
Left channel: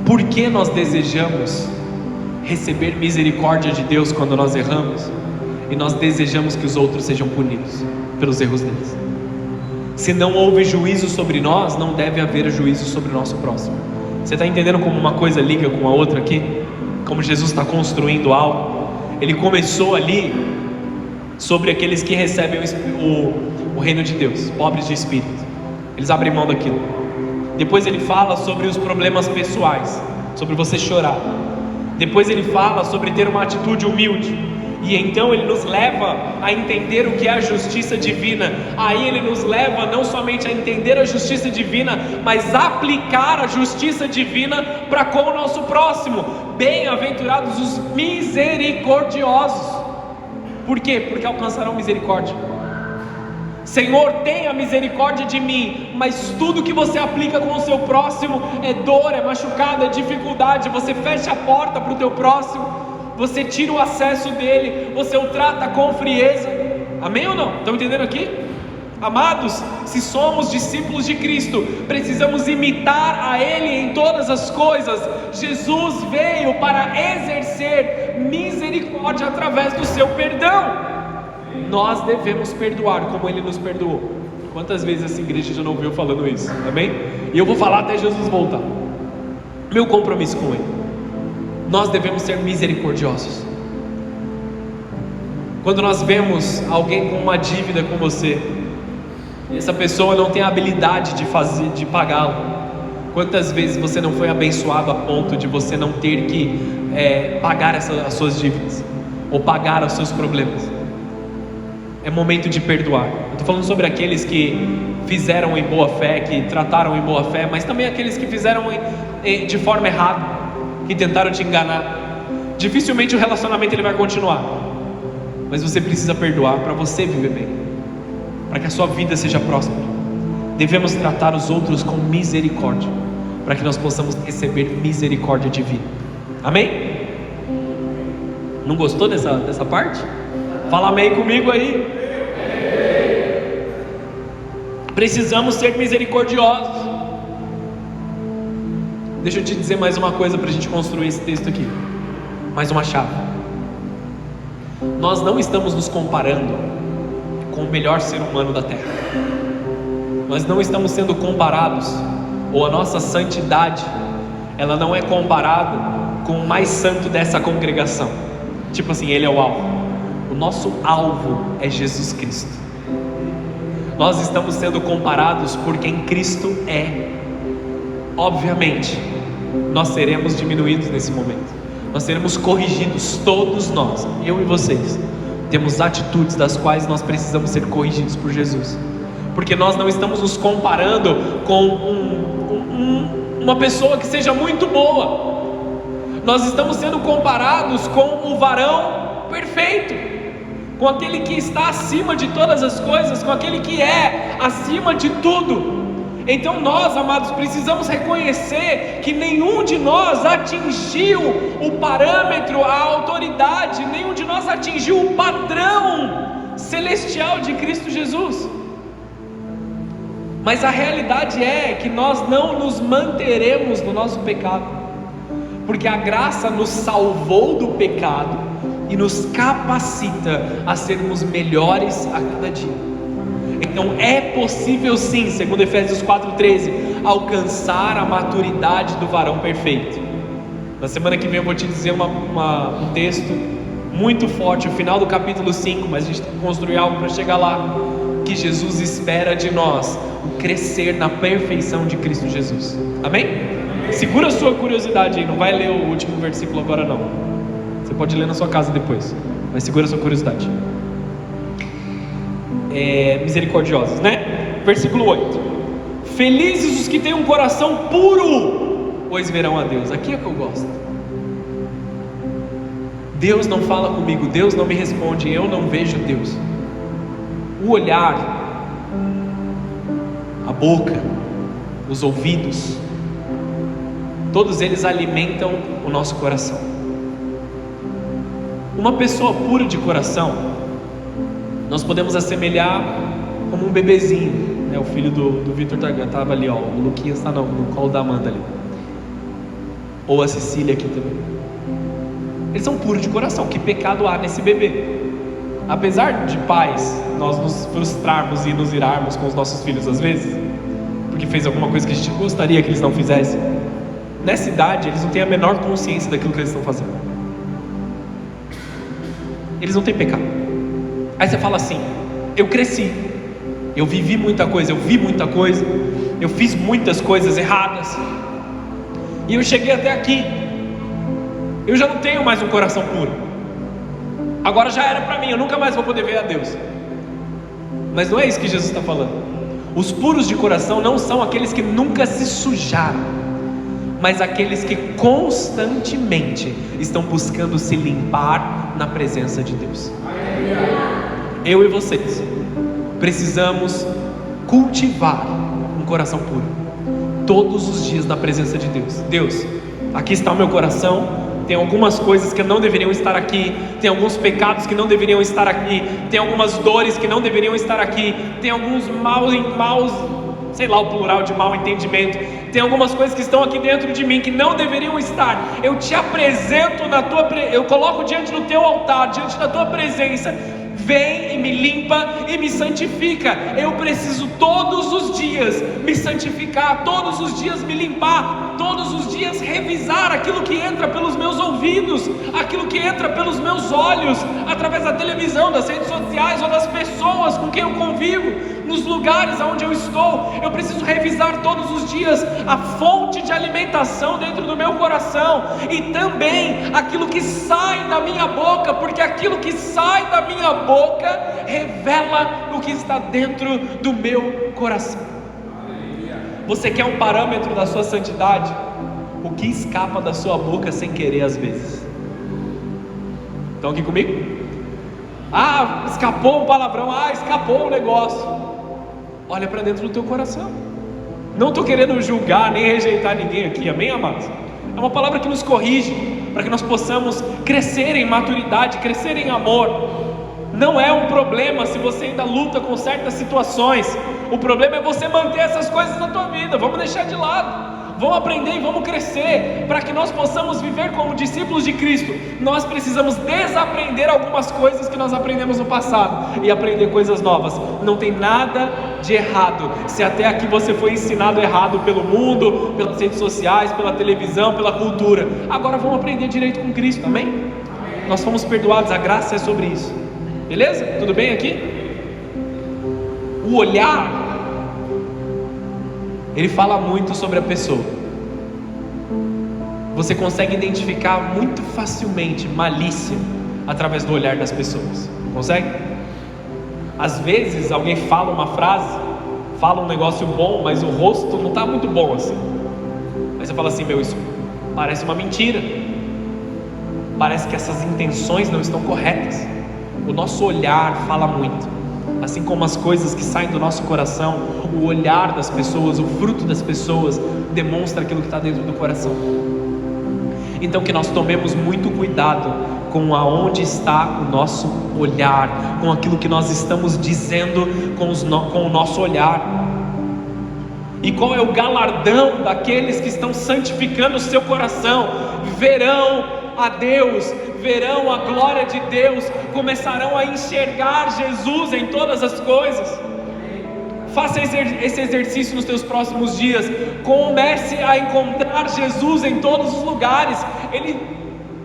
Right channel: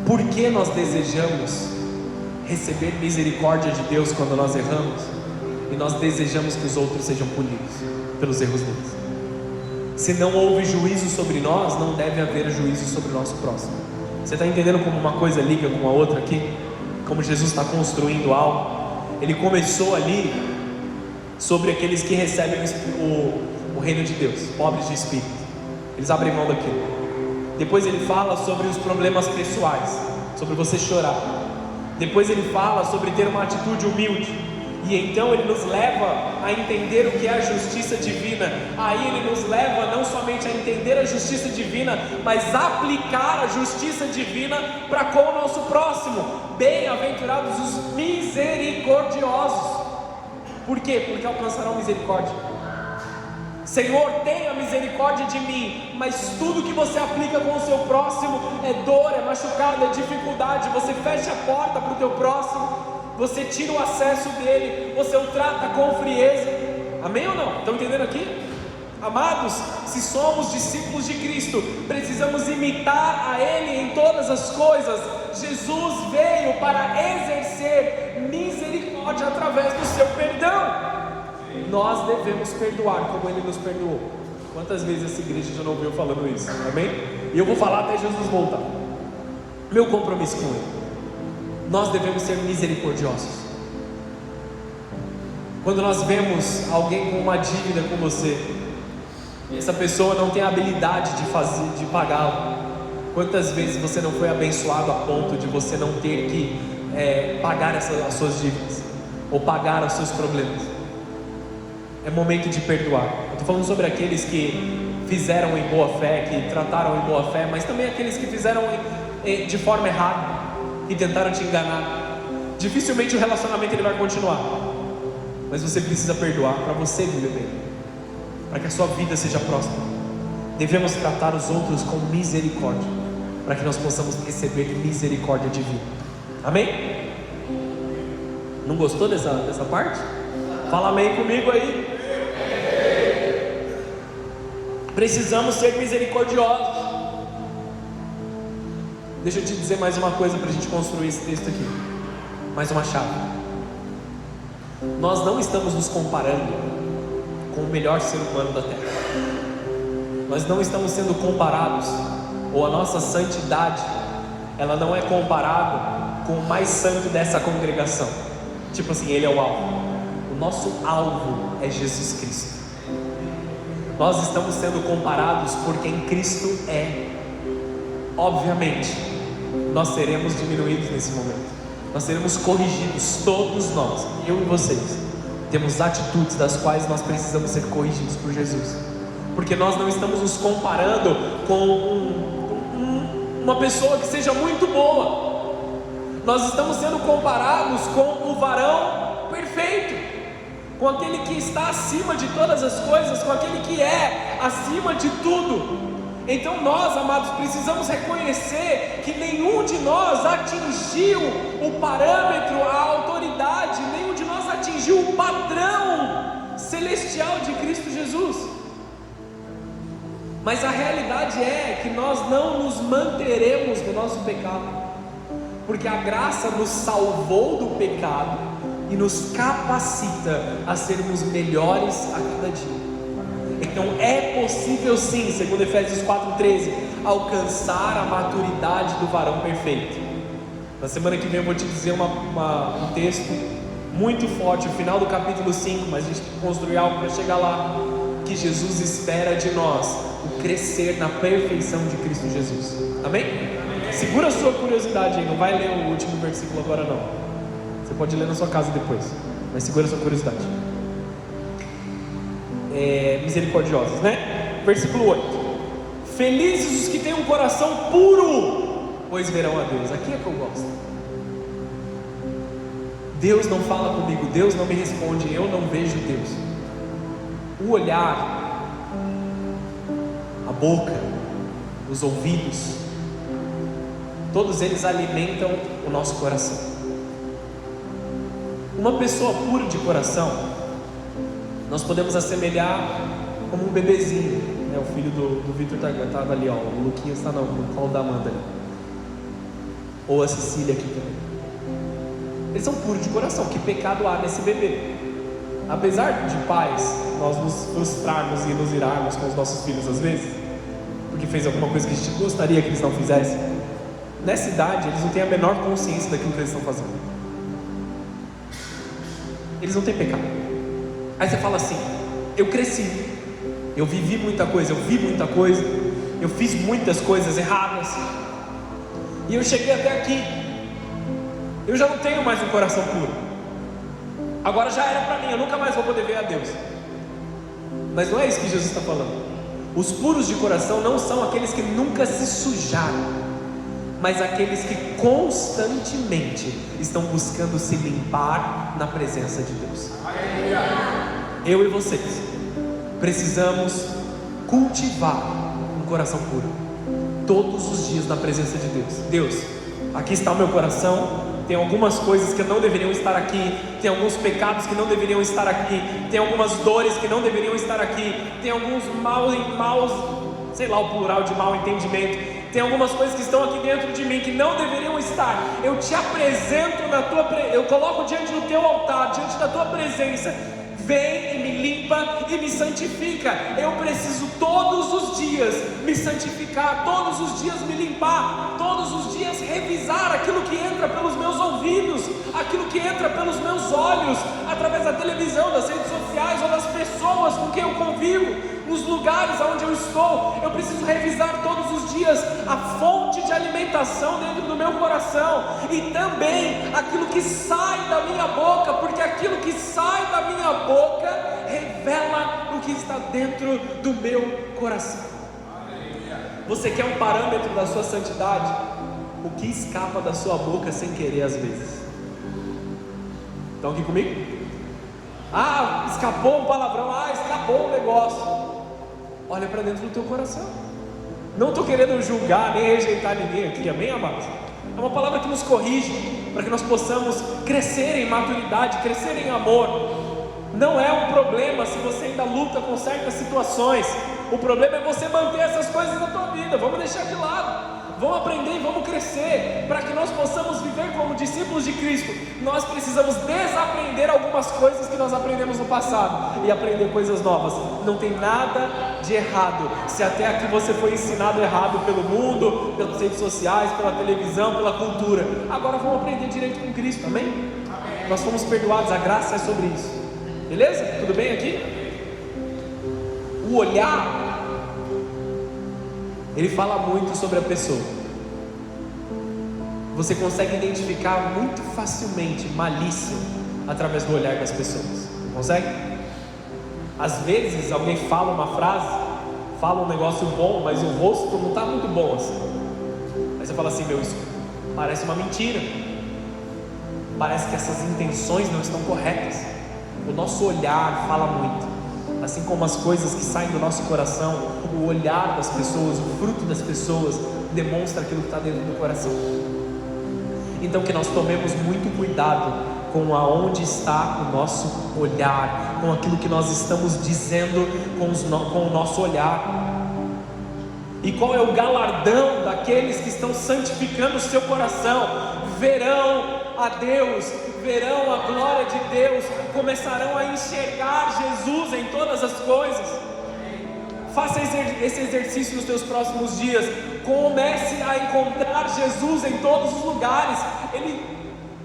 Por que nós desejamos receber misericórdia de Deus quando nós erramos? E nós desejamos que os outros sejam punidos pelos erros deles. Se não houve juízo sobre nós, não deve haver juízo sobre o nosso próximo. Você está entendendo como uma coisa liga com a outra aqui? Como Jesus está construindo algo? Ele começou ali sobre aqueles que recebem o reino de Deus, pobres de espírito. Eles abrem mão daquilo. Depois ele fala sobre os problemas pessoais, sobre você chorar. Depois ele fala sobre ter uma atitude humilde. E então ele nos leva a entender o que é a justiça divina. Aí ele nos leva não somente a entender a justiça divina, mas aplicar a justiça divina para com o nosso próximo. Bem-aventurados os misericordiosos. Por quê? Porque alcançarão misericórdia. Senhor, tenha misericórdia de mim, mas tudo que você aplica com o seu próximo é dor, é machucado, é dificuldade. Você fecha a porta para o teu próximo, você tira o acesso dele, você o trata com frieza. Amém ou não? Estão entendendo aqui? Amados, se somos discípulos de Cristo, precisamos imitar a Ele em todas as coisas. Jesus veio para exercer misericórdia através do seu perdão. Nós devemos perdoar como Ele nos perdoou. Quantas vezes essa igreja já não ouviu falando isso? Amém? E eu vou falar até Jesus voltar. Meu compromisso com Ele: nós devemos ser misericordiosos. Quando nós vemos alguém com uma dívida com você, e essa pessoa não tem a habilidade de pagá-la, quantas vezes você não foi abençoado a ponto de você não ter que pagar as suas dívidas, ou pagar os seus problemas? É momento de perdoar. Eu estou falando sobre aqueles que fizeram em boa fé, que trataram em boa fé, mas também aqueles que fizeram de forma errada, que tentaram te enganar. Dificilmente o relacionamento ele vai continuar, mas você precisa perdoar para você viver bem, para que a sua vida seja próspera. Devemos tratar os outros com misericórdia, para que nós possamos receber misericórdia divina. Amém? Não gostou dessa parte? Fala amém comigo aí. Precisamos ser misericordiosos. Deixa eu te dizer mais uma coisa para a gente construir esse texto aqui. Mais uma chave. Nós não estamos nos comparando com o melhor ser humano da terra. Nós não estamos sendo comparados, ou a nossa santidade, ela não é comparada com o mais santo dessa congregação. Tipo assim, ele é o alvo. O nosso alvo é Jesus Cristo. Nós estamos sendo comparados por quem Cristo é. Obviamente, nós seremos diminuídos nesse momento. Nós seremos corrigidos, todos nós, eu e vocês. Temos atitudes das quais nós precisamos ser corrigidos por Jesus. Porque nós não estamos nos comparando com uma pessoa que seja muito boa. Nós estamos sendo comparados com o varão perfeito, com aquele que está acima de todas as coisas, com aquele que é acima de tudo. Então nós, amados, precisamos reconhecer que nenhum de nós atingiu o parâmetro, a autoridade, nenhum de nós atingiu o padrão celestial de Cristo Jesus. Mas a realidade é que nós não nos manteremos no nosso pecado, porque a graça nos salvou do pecado e nos capacita a sermos melhores a cada dia. Então é possível sim, segundo Efésios 4,13, alcançar a maturidade do varão perfeito. Na semana que vem eu vou te dizer um texto muito forte, o final do capítulo 5, mas a gente tem que construir algo para chegar lá, que Jesus espera de nós crescer na perfeição de Cristo Jesus. Amém? Segura a sua curiosidade aí, não vai ler o último versículo agora não. Você pode ler na sua casa depois, mas segura a sua curiosidade. Misericordiosos, né? Versículo 8: felizes os que têm um coração puro, pois verão a Deus. Aqui é que eu gosto. Deus não fala comigo, Deus não me responde, eu não vejo Deus. O olhar, a boca, os ouvidos, todos eles alimentam o nosso coração. Uma pessoa pura de coração, nós podemos assemelhar como um bebezinho, né? O filho do Vitor estava ali, ó, o Luquinhas está no colo da Amanda ali, ou a Cecília aqui também. Eles são puros de coração. Que pecado há nesse bebê? Apesar de pais, nós nos frustrarmos e nos irarmos com os nossos filhos às vezes, porque fez alguma coisa que a gente gostaria que eles não fizessem, nessa idade eles não têm a menor consciência daquilo que eles estão fazendo. Eles não têm pecado. Aí você fala assim: eu cresci, eu vivi muita coisa, eu vi muita coisa, eu fiz muitas coisas erradas, e eu cheguei até aqui. Eu já não tenho mais um coração puro. Agora já era para mim, eu nunca mais vou poder ver a Deus. Mas não é isso que Jesus está falando. Os puros de coração não são aqueles que nunca se sujaram, mas aqueles que constantemente estão buscando se limpar na presença de Deus. Eu e vocês precisamos cultivar um coração puro todos os dias na presença de Deus. Deus, aqui está o meu coração. Tem algumas coisas que não deveriam estar aqui, tem alguns pecados que não deveriam estar aqui, tem algumas dores que não deveriam estar aqui, tem alguns maus, sei lá o plural de mau entendimento, tem algumas coisas que estão aqui dentro de mim que não deveriam estar. Eu te apresento eu coloco diante do teu altar, diante da tua presença. Vem e me limpa e me santifica. Eu preciso todos os dias me santificar, todos os dias me limpar, todos os dias revisar aquilo que entra pelos meus ouvidos, aquilo que entra pelos meus olhos, através da televisão, das redes sociais ou das pessoas com quem eu convivo, nos lugares onde eu estou. Eu preciso revisar todos os dias a fonte de alimentação dentro do meu coração e também aquilo que sai da minha boca, porque aquilo que sai da minha boca revela o que está dentro do meu coração. Você quer um parâmetro da sua santidade? O que escapa da sua boca sem querer às vezes? Estão aqui comigo? Ah, escapou um palavrão, escapou um negócio. Olha para dentro do teu coração. Não estou querendo julgar nem rejeitar ninguém aqui, amém, amados? É uma palavra que nos corrige, para para que nós possamos crescer em maturidade, crescer em amor. Não é um problema se você ainda luta com certas situações. O problema é você manter essas coisas na tua vida. Vamos deixar de lado. Vamos aprender e vamos crescer. Para que nós possamos viver como discípulos de Cristo, nós precisamos desaprender algumas coisas que nós aprendemos no passado e aprender coisas novas. Não tem nada de errado. Se até aqui você foi ensinado errado pelo mundo, pelas redes sociais, pela televisão, pela cultura, agora vamos aprender direito com Cristo, amém? Amém. Nós fomos perdoados, a graça é sobre isso. Beleza? Tudo bem aqui? O olhar, ele fala muito sobre a pessoa. Você consegue identificar muito facilmente malícia através do olhar das pessoas. Consegue? Às vezes alguém fala uma frase, fala um negócio bom, mas o rosto não está muito bom assim. Aí você fala assim: meu, isso parece uma mentira. Parece que essas intenções não estão corretas. O nosso olhar fala muito, assim como as coisas que saem do nosso coração. O olhar das pessoas, o fruto das pessoas demonstra aquilo que está dentro do coração. Então que nós tomemos muito cuidado com aonde está o nosso olhar, com aquilo que nós estamos dizendo com o nosso olhar. E qual é o galardão daqueles que estão santificando o seu coração? Verão a Deus, verão a glória de Deus, começarão a enxergar Jesus em todas as coisas. Faça esse exercício nos teus próximos dias. Comece a encontrar Jesus em todos os lugares. Ele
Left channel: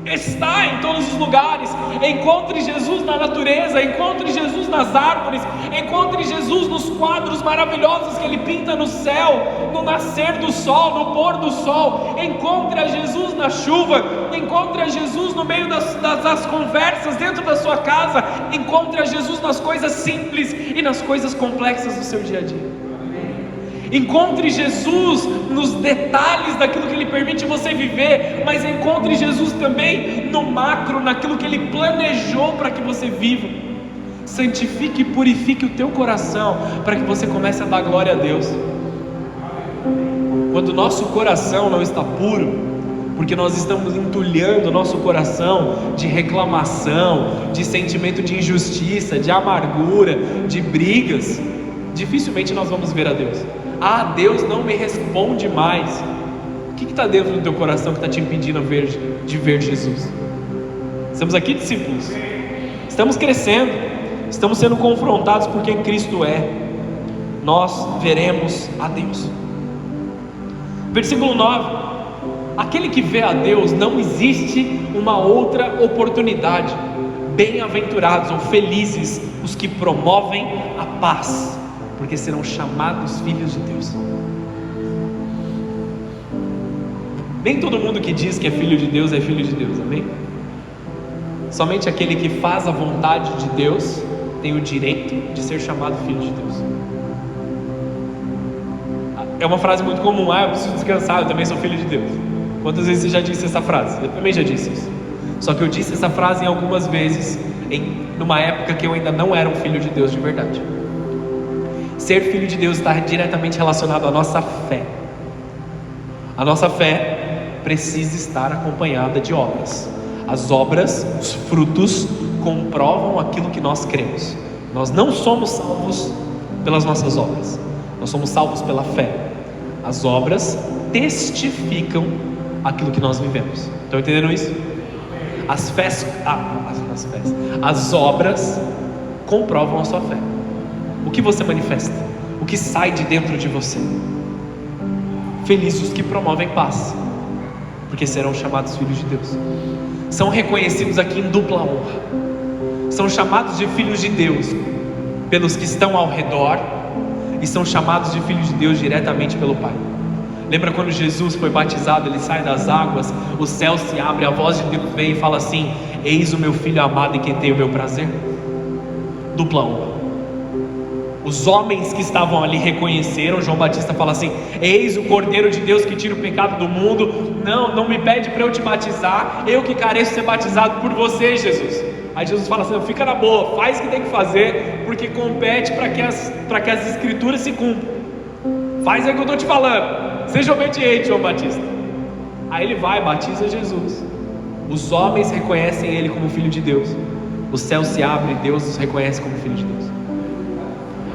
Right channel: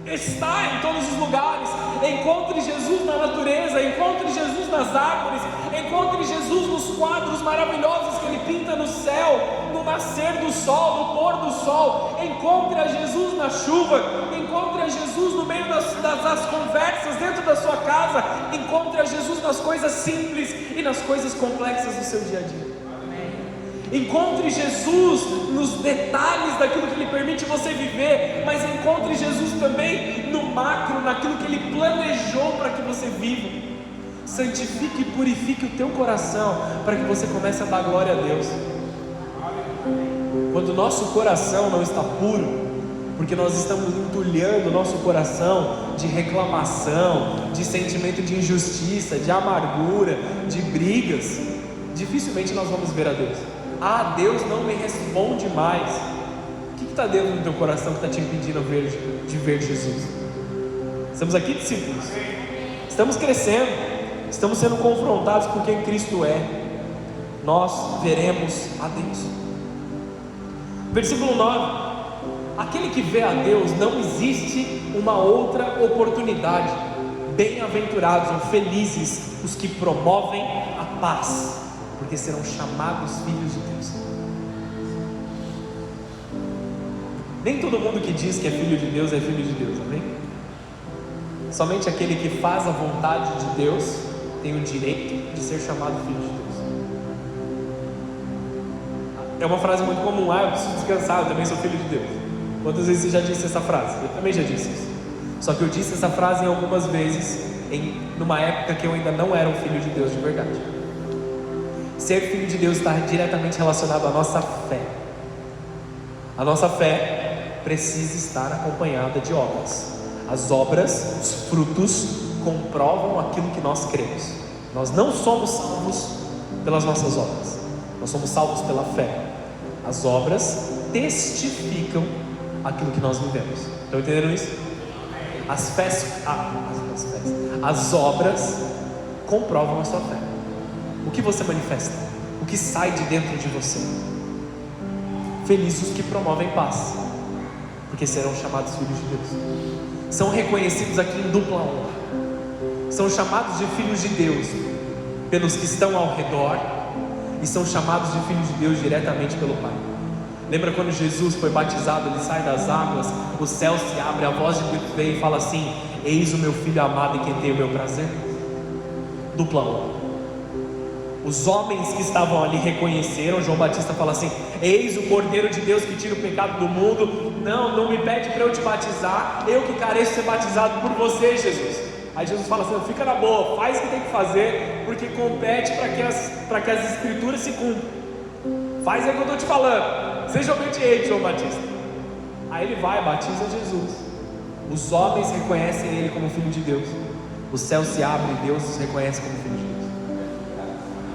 está em todos os lugares. Encontre Jesus na natureza, encontre Jesus nas árvores, encontre Jesus nos quadros maravilhosos que Ele pinta no céu, no nascer do sol, no pôr do sol. Encontre a Jesus na chuva, encontre a Jesus no meio das conversas dentro da sua casa, encontre a Jesus nas coisas simples e nas coisas complexas do seu dia a dia. Encontre Jesus nos detalhes daquilo que Ele permite você viver, mas encontre Jesus também no macro, naquilo que Ele planejou para que você viva. Santifique e purifique o teu coração, para que você comece a dar glória a Deus. Quando o nosso coração não está puro, porque nós estamos entulhando o nosso coração de reclamação, de sentimento de injustiça, de amargura, de brigas, dificilmente nós vamos ver a Deus. Ah, Deus não me responde mais. O que está dentro do teu coração que está te impedindo de ver Jesus? Estamos aqui, discípulos. Estamos crescendo. Estamos sendo confrontados com quem Cristo é. Nós veremos a Deus. Versículo 9: aquele que vê a Deus, não existe uma outra oportunidade. Bem-aventurados ou felizes os que promovem a paz, porque serão chamados filhos de Deus. Nem todo mundo que diz que é filho de Deus é filho de Deus, amém? Somente aquele que faz a vontade de Deus tem o direito de ser chamado filho de Deus. É uma frase muito comum: eu preciso descansar, eu também sou filho de Deus. Quantas vezes você já disse essa frase? Eu também já disse isso. Só que eu disse essa frase em algumas vezes, numa época que eu ainda não era um filho de Deus de verdade. Ser filho de Deus está diretamente relacionado à nossa fé. A nossa fé precisa estar acompanhada de obras. As obras, os frutos, comprovam aquilo que nós cremos. Nós não somos salvos pelas nossas obras, nós somos salvos pela fé. As obras testificam aquilo que nós vivemos. Estão entendendo isso? As obras comprovam a sua fé. O que você manifesta, o que sai de dentro de você. Felizes os que promovem paz, porque serão chamados filhos de Deus. São reconhecidos aqui em dupla honra. São chamados de filhos de Deus pelos que estão ao redor, e são chamados de filhos de Deus diretamente pelo Pai. Lembra quando Jesus foi batizado? Ele sai das águas, o céu se abre, a voz de Deus vem e fala assim: eis o meu filho amado em quem tenho o meu prazer. Dupla honra. Os homens que estavam ali reconheceram. João Batista fala assim: eis o Cordeiro de Deus que tira o pecado do mundo. Não me pede para eu te batizar, eu que careço ser batizado por você, Jesus. Aí Jesus fala assim: fica na boa, faz o que tem que fazer, porque compete para que as escrituras se cumpram. Faz aí o que eu estou te falando, seja obediente, João Batista. Aí ele vai, batiza Jesus. Os homens reconhecem ele como filho de Deus. O céu se abre e Deus os reconhece como filho de Deus.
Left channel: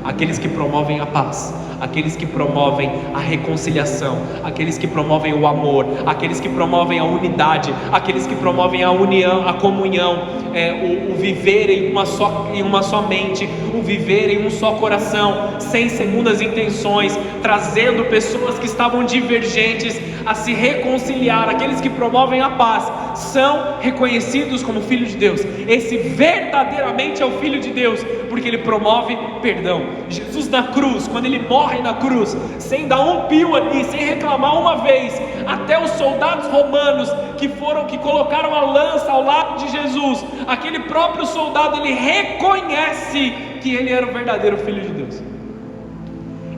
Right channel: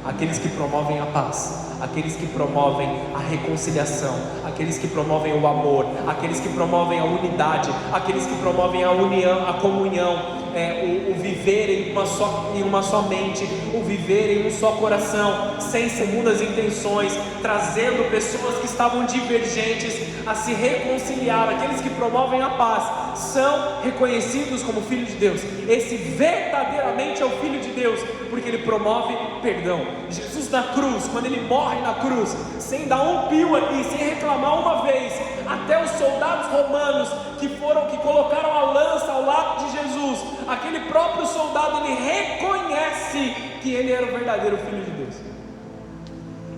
Aqueles que promovem a paz, aqueles que promovem a reconciliação, aqueles que promovem o amor, aqueles que promovem a unidade, aqueles que promovem a união, a comunhão, o viver em uma só mente, o viver em um só coração, sem segundas intenções, trazendo pessoas que estavam divergentes a se reconciliar. Aqueles que promovem a paz são reconhecidos como filho de Deus. Esse verdadeiramente é o filho de Deus, porque ele promove perdão. Jesus na cruz, quando ele morre na cruz, sem dar um pio ali, sem reclamar uma vez, até os soldados romanos que colocaram a lança ao lado de Jesus, aquele próprio soldado, ele reconhece que ele era o verdadeiro filho de Deus.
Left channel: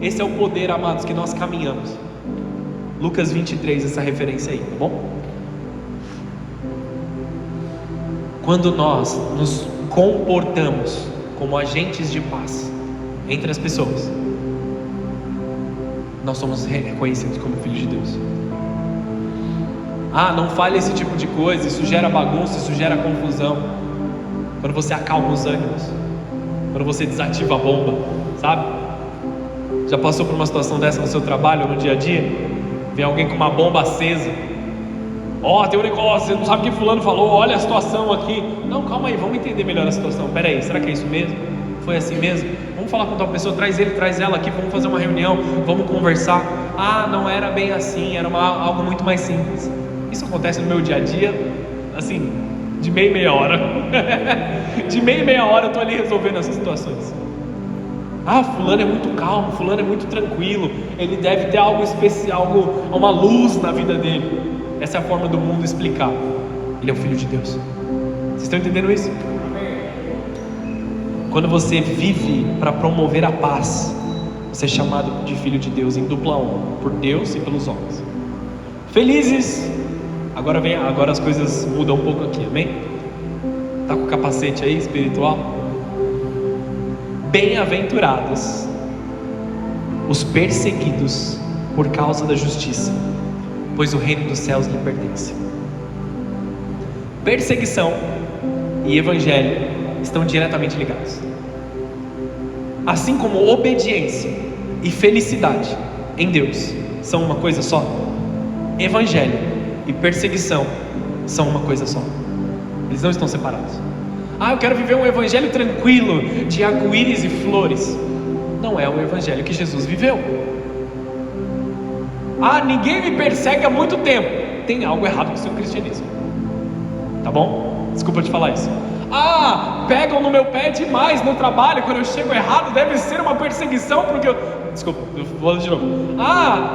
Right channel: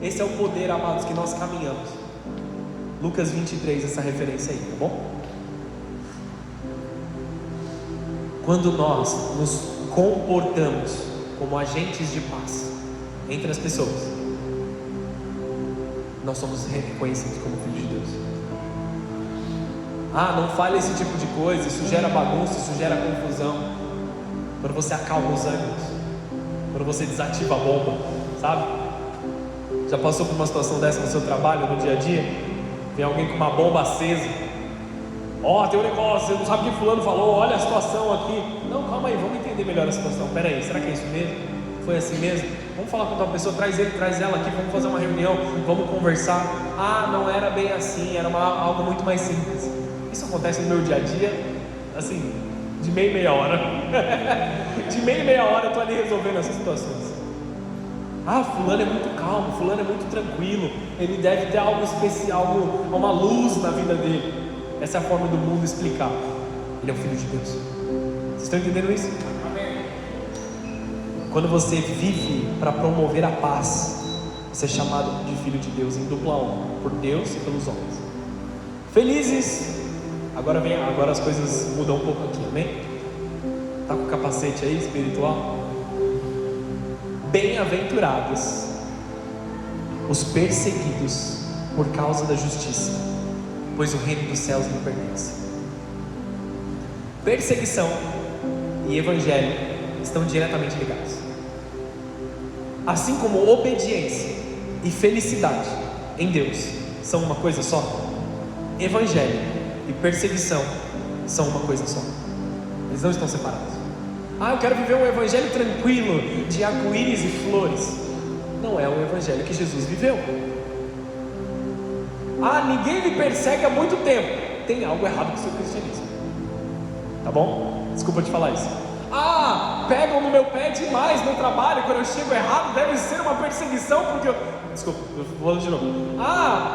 Esse é o poder, amados, que nós caminhamos. Lucas 23, essa referência aí, tá bom? Quando nós nos comportamos como agentes de paz entre as pessoas, nós somos reconhecidos como filhos de Deus. Não fale esse tipo de coisa, isso gera bagunça, isso gera confusão. Quando você acalma os ânimos, quando você desativa a bomba, sabe? Já passou por uma situação dessa no seu trabalho, no dia a dia? Vem alguém com uma bomba acesa. Tem um negócio, você não sabe o que fulano falou, olha a situação aqui. Não, calma aí, vamos entender melhor a situação. Pera aí, será que é isso mesmo? Foi assim mesmo? Vamos falar com a tua pessoa, traz ele, traz ela aqui, vamos fazer uma reunião, vamos conversar. Não era bem assim, era algo muito mais simples. Isso acontece no meu dia a dia, assim, de meia hora. De meia hora eu estou ali resolvendo essas situações. Fulano é muito calmo, fulano é muito tranquilo, ele deve ter algo especial, uma luz na vida dele. Essa é a forma do mundo explicar. Ele é o filho de Deus. Vocês estão entendendo isso? Quando você vive para promover a paz, você é chamado de filho de Deus em dupla honra, por Deus e pelos homens. Felizes. Agora as coisas mudam um pouco aqui, amém? Tá com o capacete aí espiritual? Bem-aventurados os perseguidos por causa da justiça, pois o reino dos céus lhe pertence. Perseguição e evangelho estão diretamente ligados. Assim como obediência e felicidade em Deus são uma coisa só, evangelho e perseguição são uma coisa só. Eles não estão separados. Eu quero viver um evangelho tranquilo, de arco-íris e flores. Não é o evangelho que Jesus viveu. Ninguém me persegue há muito tempo. Tem algo errado com o seu cristianismo. Tá bom? Desculpa te falar isso. Pegam no meu pé demais no trabalho. Quando eu chego errado, deve ser uma perseguição, porque eu... Desculpa, eu vou de novo.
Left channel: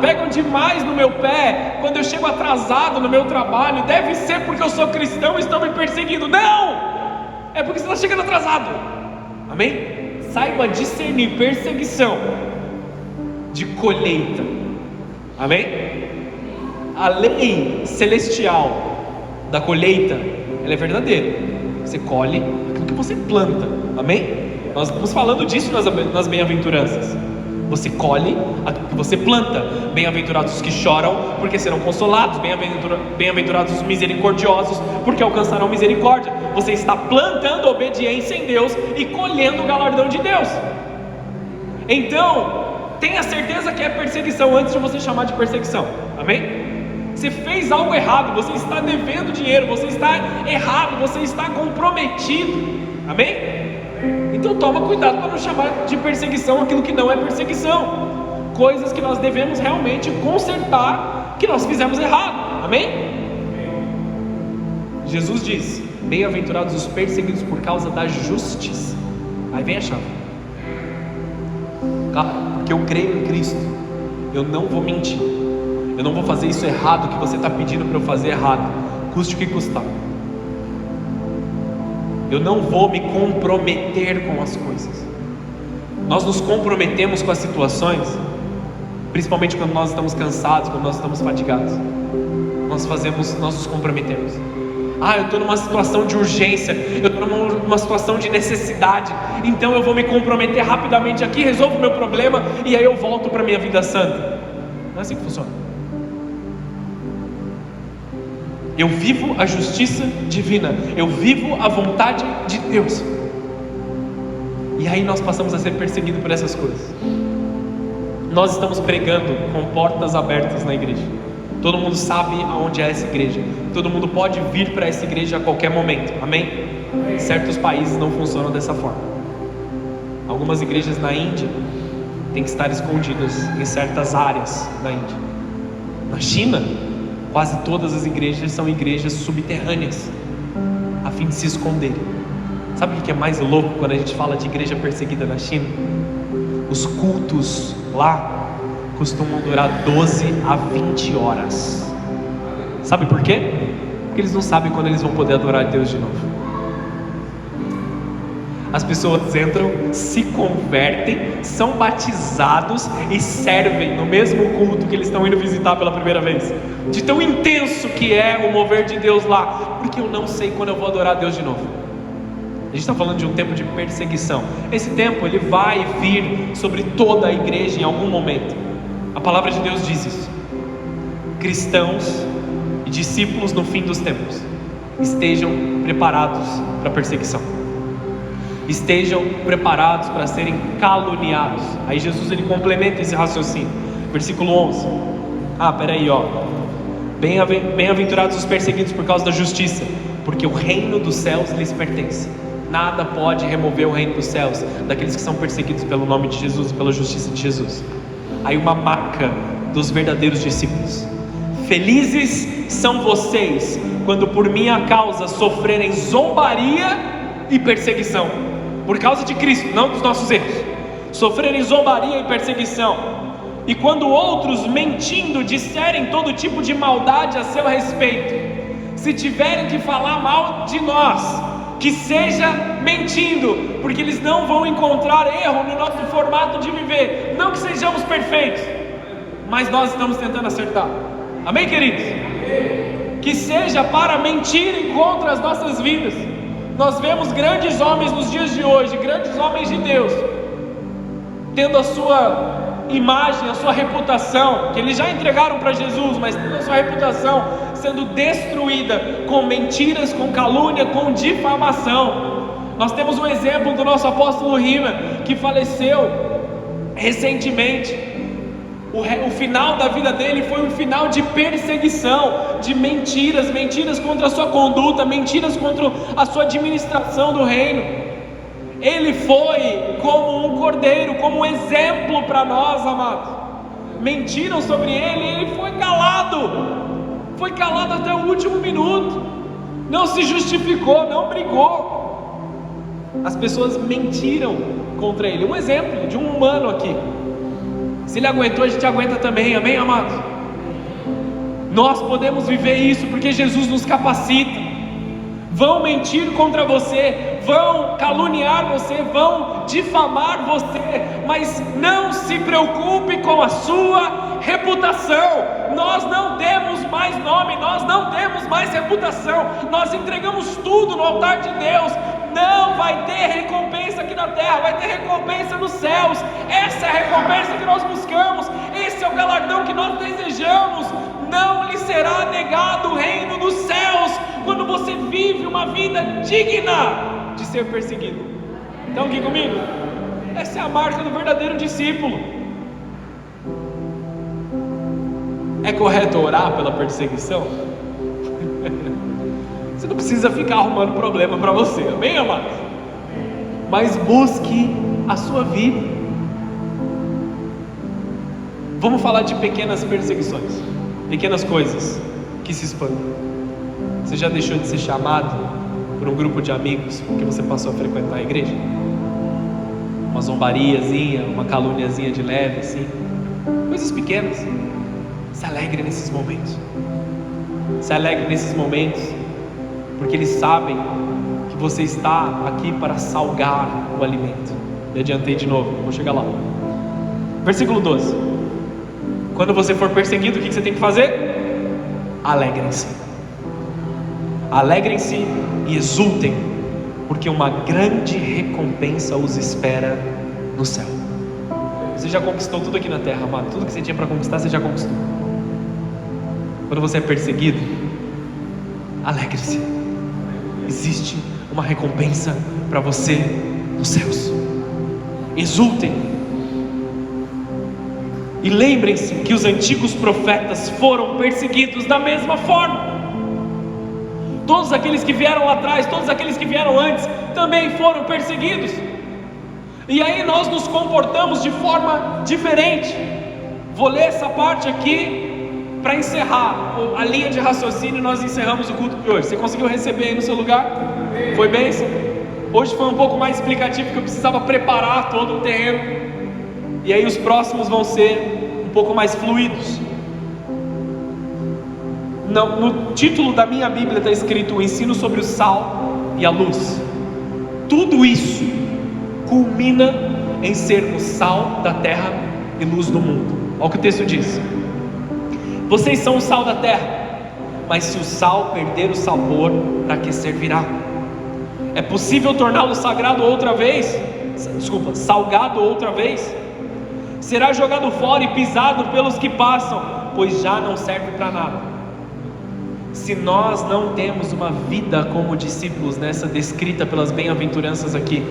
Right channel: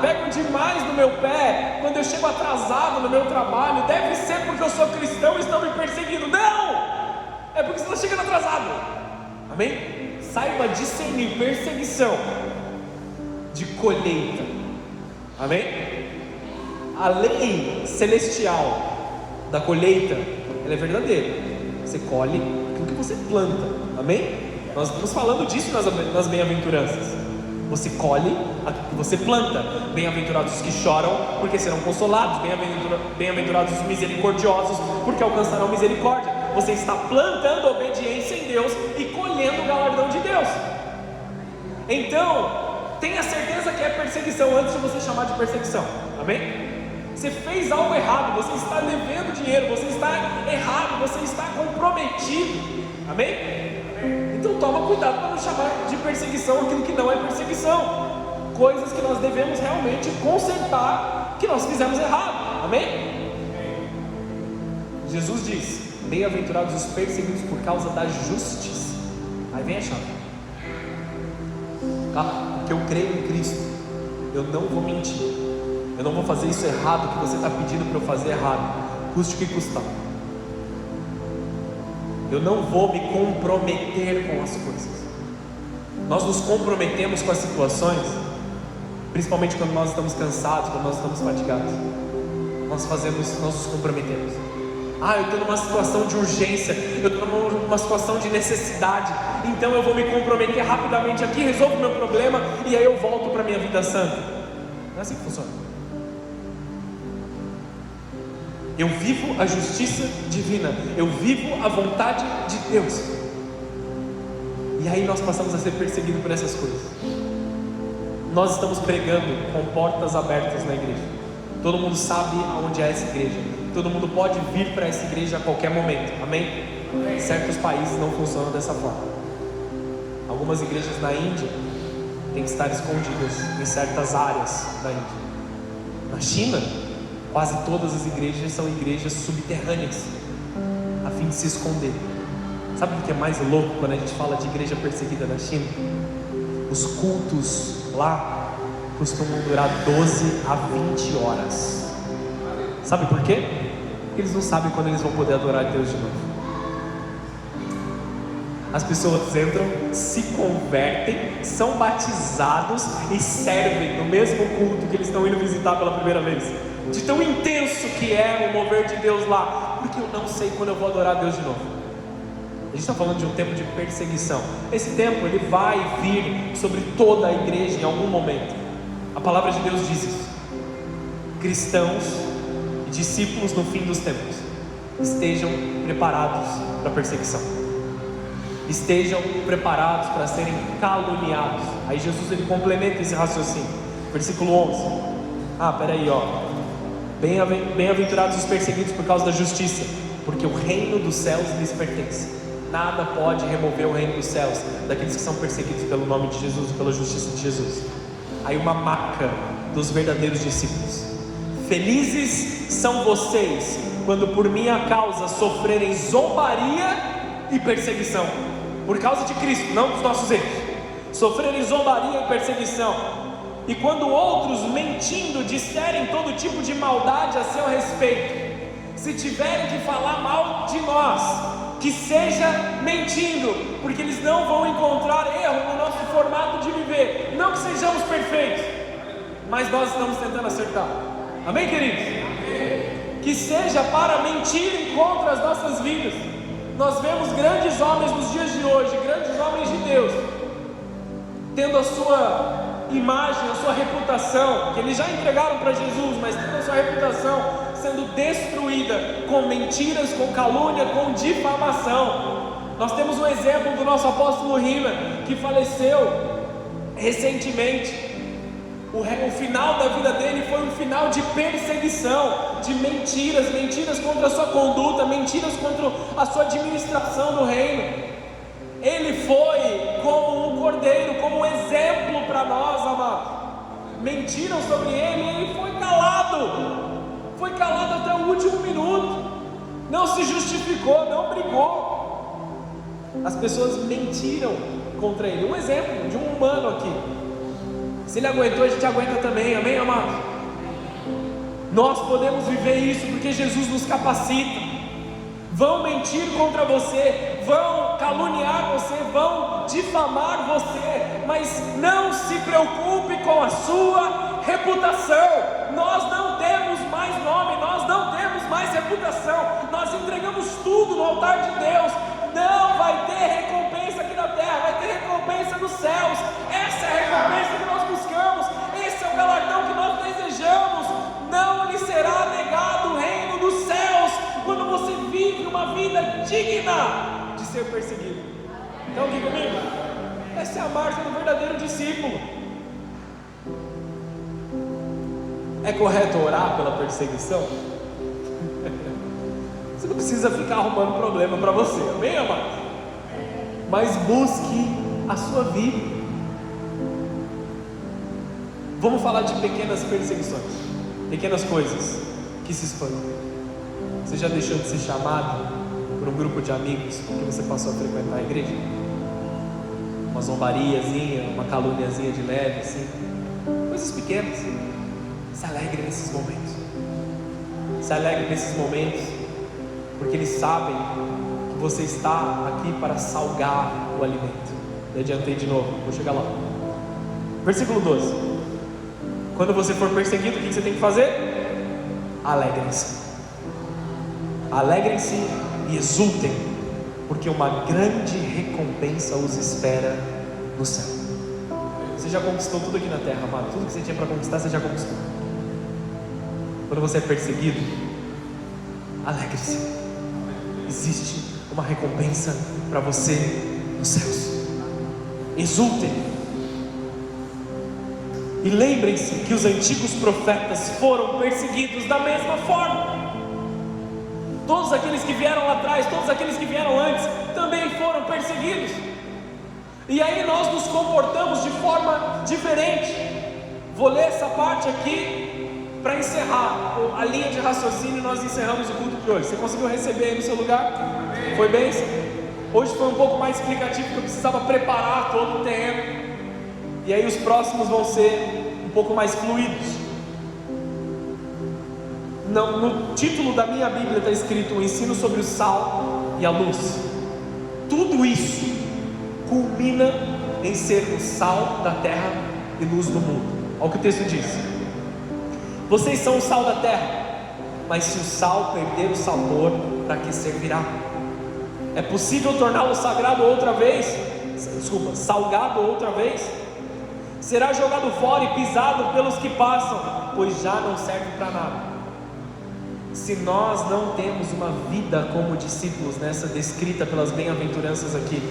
Pegam demais no meu pé quando eu chego atrasado no meu trabalho. Deve ser porque eu sou cristão e estão me perseguindo. Não! É porque você está chegando atrasado. Amém? Saiba discernir perseguição de colheita. Amém? A lei celestial da colheita, ela é verdadeira. Você colhe aquilo que você planta. Amém? Nós estamos falando disso nas bem-aventuranças. Você colhe aquilo que você planta. Bem-aventurados os que choram, porque serão consolados. Bem-aventurados os misericordiosos, porque alcançarão misericórdia. Você está plantando obediência em Deus e colhendo o galardão de Deus. Então, tenha certeza que é perseguição antes de você chamar de perseguição. Amém? Você fez algo errado, você está devendo dinheiro, você está errado, você está comprometido. Amém? Então toma cuidado para não chamar de perseguição aquilo que não é perseguição. Coisas que nós devemos realmente consertar, que nós fizemos errado. Amém? Jesus diz: bem-aventurados os perseguidos por causa da justiça. Aí vem a chave. Porque eu creio em Cristo, eu não vou mentir, eu não vou fazer isso errado que você está pedindo para eu fazer errado, custe o que custar. Eu não vou me comprometer com as coisas. Nós nos comprometemos com as situações, principalmente quando nós estamos cansados, quando nós estamos fatigados. Nós nos comprometemos. Eu estou numa situação de urgência, eu estou numa situação de necessidade, então eu vou me comprometer rapidamente aqui, resolvo o meu problema e aí eu volto para a minha vida santa. Não é assim que funciona. Eu vivo a justiça divina, eu vivo a vontade de Deus. E aí nós passamos a ser perseguidos por essas coisas. Nós estamos pregando com portas abertas na igreja. Todo mundo sabe aonde é essa igreja. Todo mundo pode vir para essa igreja a qualquer momento. Amém? Certos países não funcionam dessa forma. Algumas igrejas na Índia têm que estar escondidas em certas áreas da Índia. Na China, quase todas as igrejas são igrejas subterrâneas, a fim de se esconder. Sabe o que é mais louco quando a gente fala de igreja perseguida na China? Os cultos lá costumam durar 12 a 20 horas. Sabe por quê? Porque eles não sabem quando eles vão poder adorar a Deus de novo. As pessoas entram, se convertem, são batizados e servem no mesmo culto que eles estão indo visitar pela primeira vez. De tão intenso que é o mover de Deus lá. Porque eu não sei quando eu vou adorar a Deus de novo. A gente está falando de um tempo de perseguição. Esse tempo ele vai vir sobre toda a igreja em algum momento. A palavra de Deus diz isso. Cristãos e discípulos no fim dos tempos estejam preparados para a perseguição. Estejam preparados para serem caluniados. Aí Jesus ele complementa esse raciocínio. Versículo 11. Peraí, Bem-aventurados os perseguidos por causa da justiça, porque o reino dos céus lhes pertence. Nada pode remover o reino dos céus daqueles que são perseguidos pelo nome de Jesus e pela justiça de Jesus. Aí uma marca dos verdadeiros discípulos. Felizes são vocês quando por minha causa sofrerem zombaria e perseguição. Por causa de Cristo, não dos nossos erros. Sofrerem zombaria e perseguição. E quando outros, mentindo, disserem todo tipo de maldade a seu respeito, se tiverem que falar mal de nós, que seja mentindo, porque eles não vão encontrar erro no nosso formato de viver. Não que sejamos perfeitos, mas nós estamos tentando acertar. Amém, queridos? Que seja para mentirem contra as nossas vidas. Nós vemos grandes homens nos dias de hoje, grandes homens de Deus, tendo a sua imagem, a sua reputação, que eles já entregaram para Jesus, mas tendo a sua reputação sendo destruída com mentiras, com calúnia, com difamação. Nós temos um exemplo do nosso apóstolo Rima, que faleceu recentemente. O final da vida dele foi um final de perseguição, de mentiras contra a sua conduta, mentiras contra a sua administração do reino. Ele foi como um cordeiro, como um exemplo para nós, amados. Mentiram sobre ele e ele foi calado até o último minuto, não se justificou, não brigou. As pessoas mentiram contra ele. Um exemplo de um humano aqui. Se ele aguentou, a gente aguenta também, amém, amados? Nós podemos viver isso porque Jesus nos capacita. Vão mentir contra você, vão caluniar você, vão difamar você, mas não se preocupe com a sua reputação. Nós não temos mais nome, nós não temos mais reputação, nós entregamos tudo no altar de Deus. Não vai ter recompensa aqui na terra, vai ter recompensa nos céus. Essa é a recompensa que nós buscamos, esse é o galardão que nós desejamos. Não lhe será negado o reino dos céus quando você vive uma vida digna de ser perseguido. Então aqui comigo, essa é a marca do verdadeiro discípulo. É correto orar pela perseguição? Você não precisa ficar arrumando problema para você, bem amado? Mas busque a sua vida. Vamos falar de pequenas perseguições, pequenas coisas que se espantam. Você já deixou de ser chamado por um grupo de amigos porque você passou a frequentar a igreja? Uma zombariazinha, uma caluniazinha de leve assim, coisas pequenas. Se alegre nesses momentos. Se alegre nesses momentos, porque eles sabem que você está aqui para salgar o alimento. Eu adiantei de novo, vou chegar lá. Versículo 12. Quando você for perseguido, o que você tem que fazer? Alegrem-se. Alegrem-se e exultem, porque uma grande recompensa os espera no céu. Você já conquistou tudo aqui na terra, amado. Tudo que você tinha para conquistar, você já conquistou. Quando você é perseguido, alegre-se. Existe uma recompensa para você nos céus. Exultem. E lembrem-se que os antigos profetas foram perseguidos da mesma forma. Todos aqueles que vieram lá atrás, todos aqueles que vieram antes, também foram perseguidos. E aí nós nos comportamos de forma diferente. Vou ler essa parte aqui para encerrar a linha de raciocínio. Nós encerramos o culto de hoje. Você conseguiu receber aí no seu lugar? Foi bênção? Hoje foi um pouco mais explicativo, porque eu precisava preparar todo o terreno. E aí os próximos vão ser um pouco mais fluidos. No título da minha Bíblia está escrito: o ensino sobre o sal e a luz. Tudo isso culmina em ser o sal da terra e luz do mundo. Olha o que o texto diz: vocês são o sal da terra, mas se o sal perder o sabor, para que servirá? É possível torná-lo salgado outra vez? Será jogado fora e pisado pelos que passam, pois já não serve para nada. Se nós não temos uma vida como discípulos, nessa descrita pelas bem-aventuranças aqui,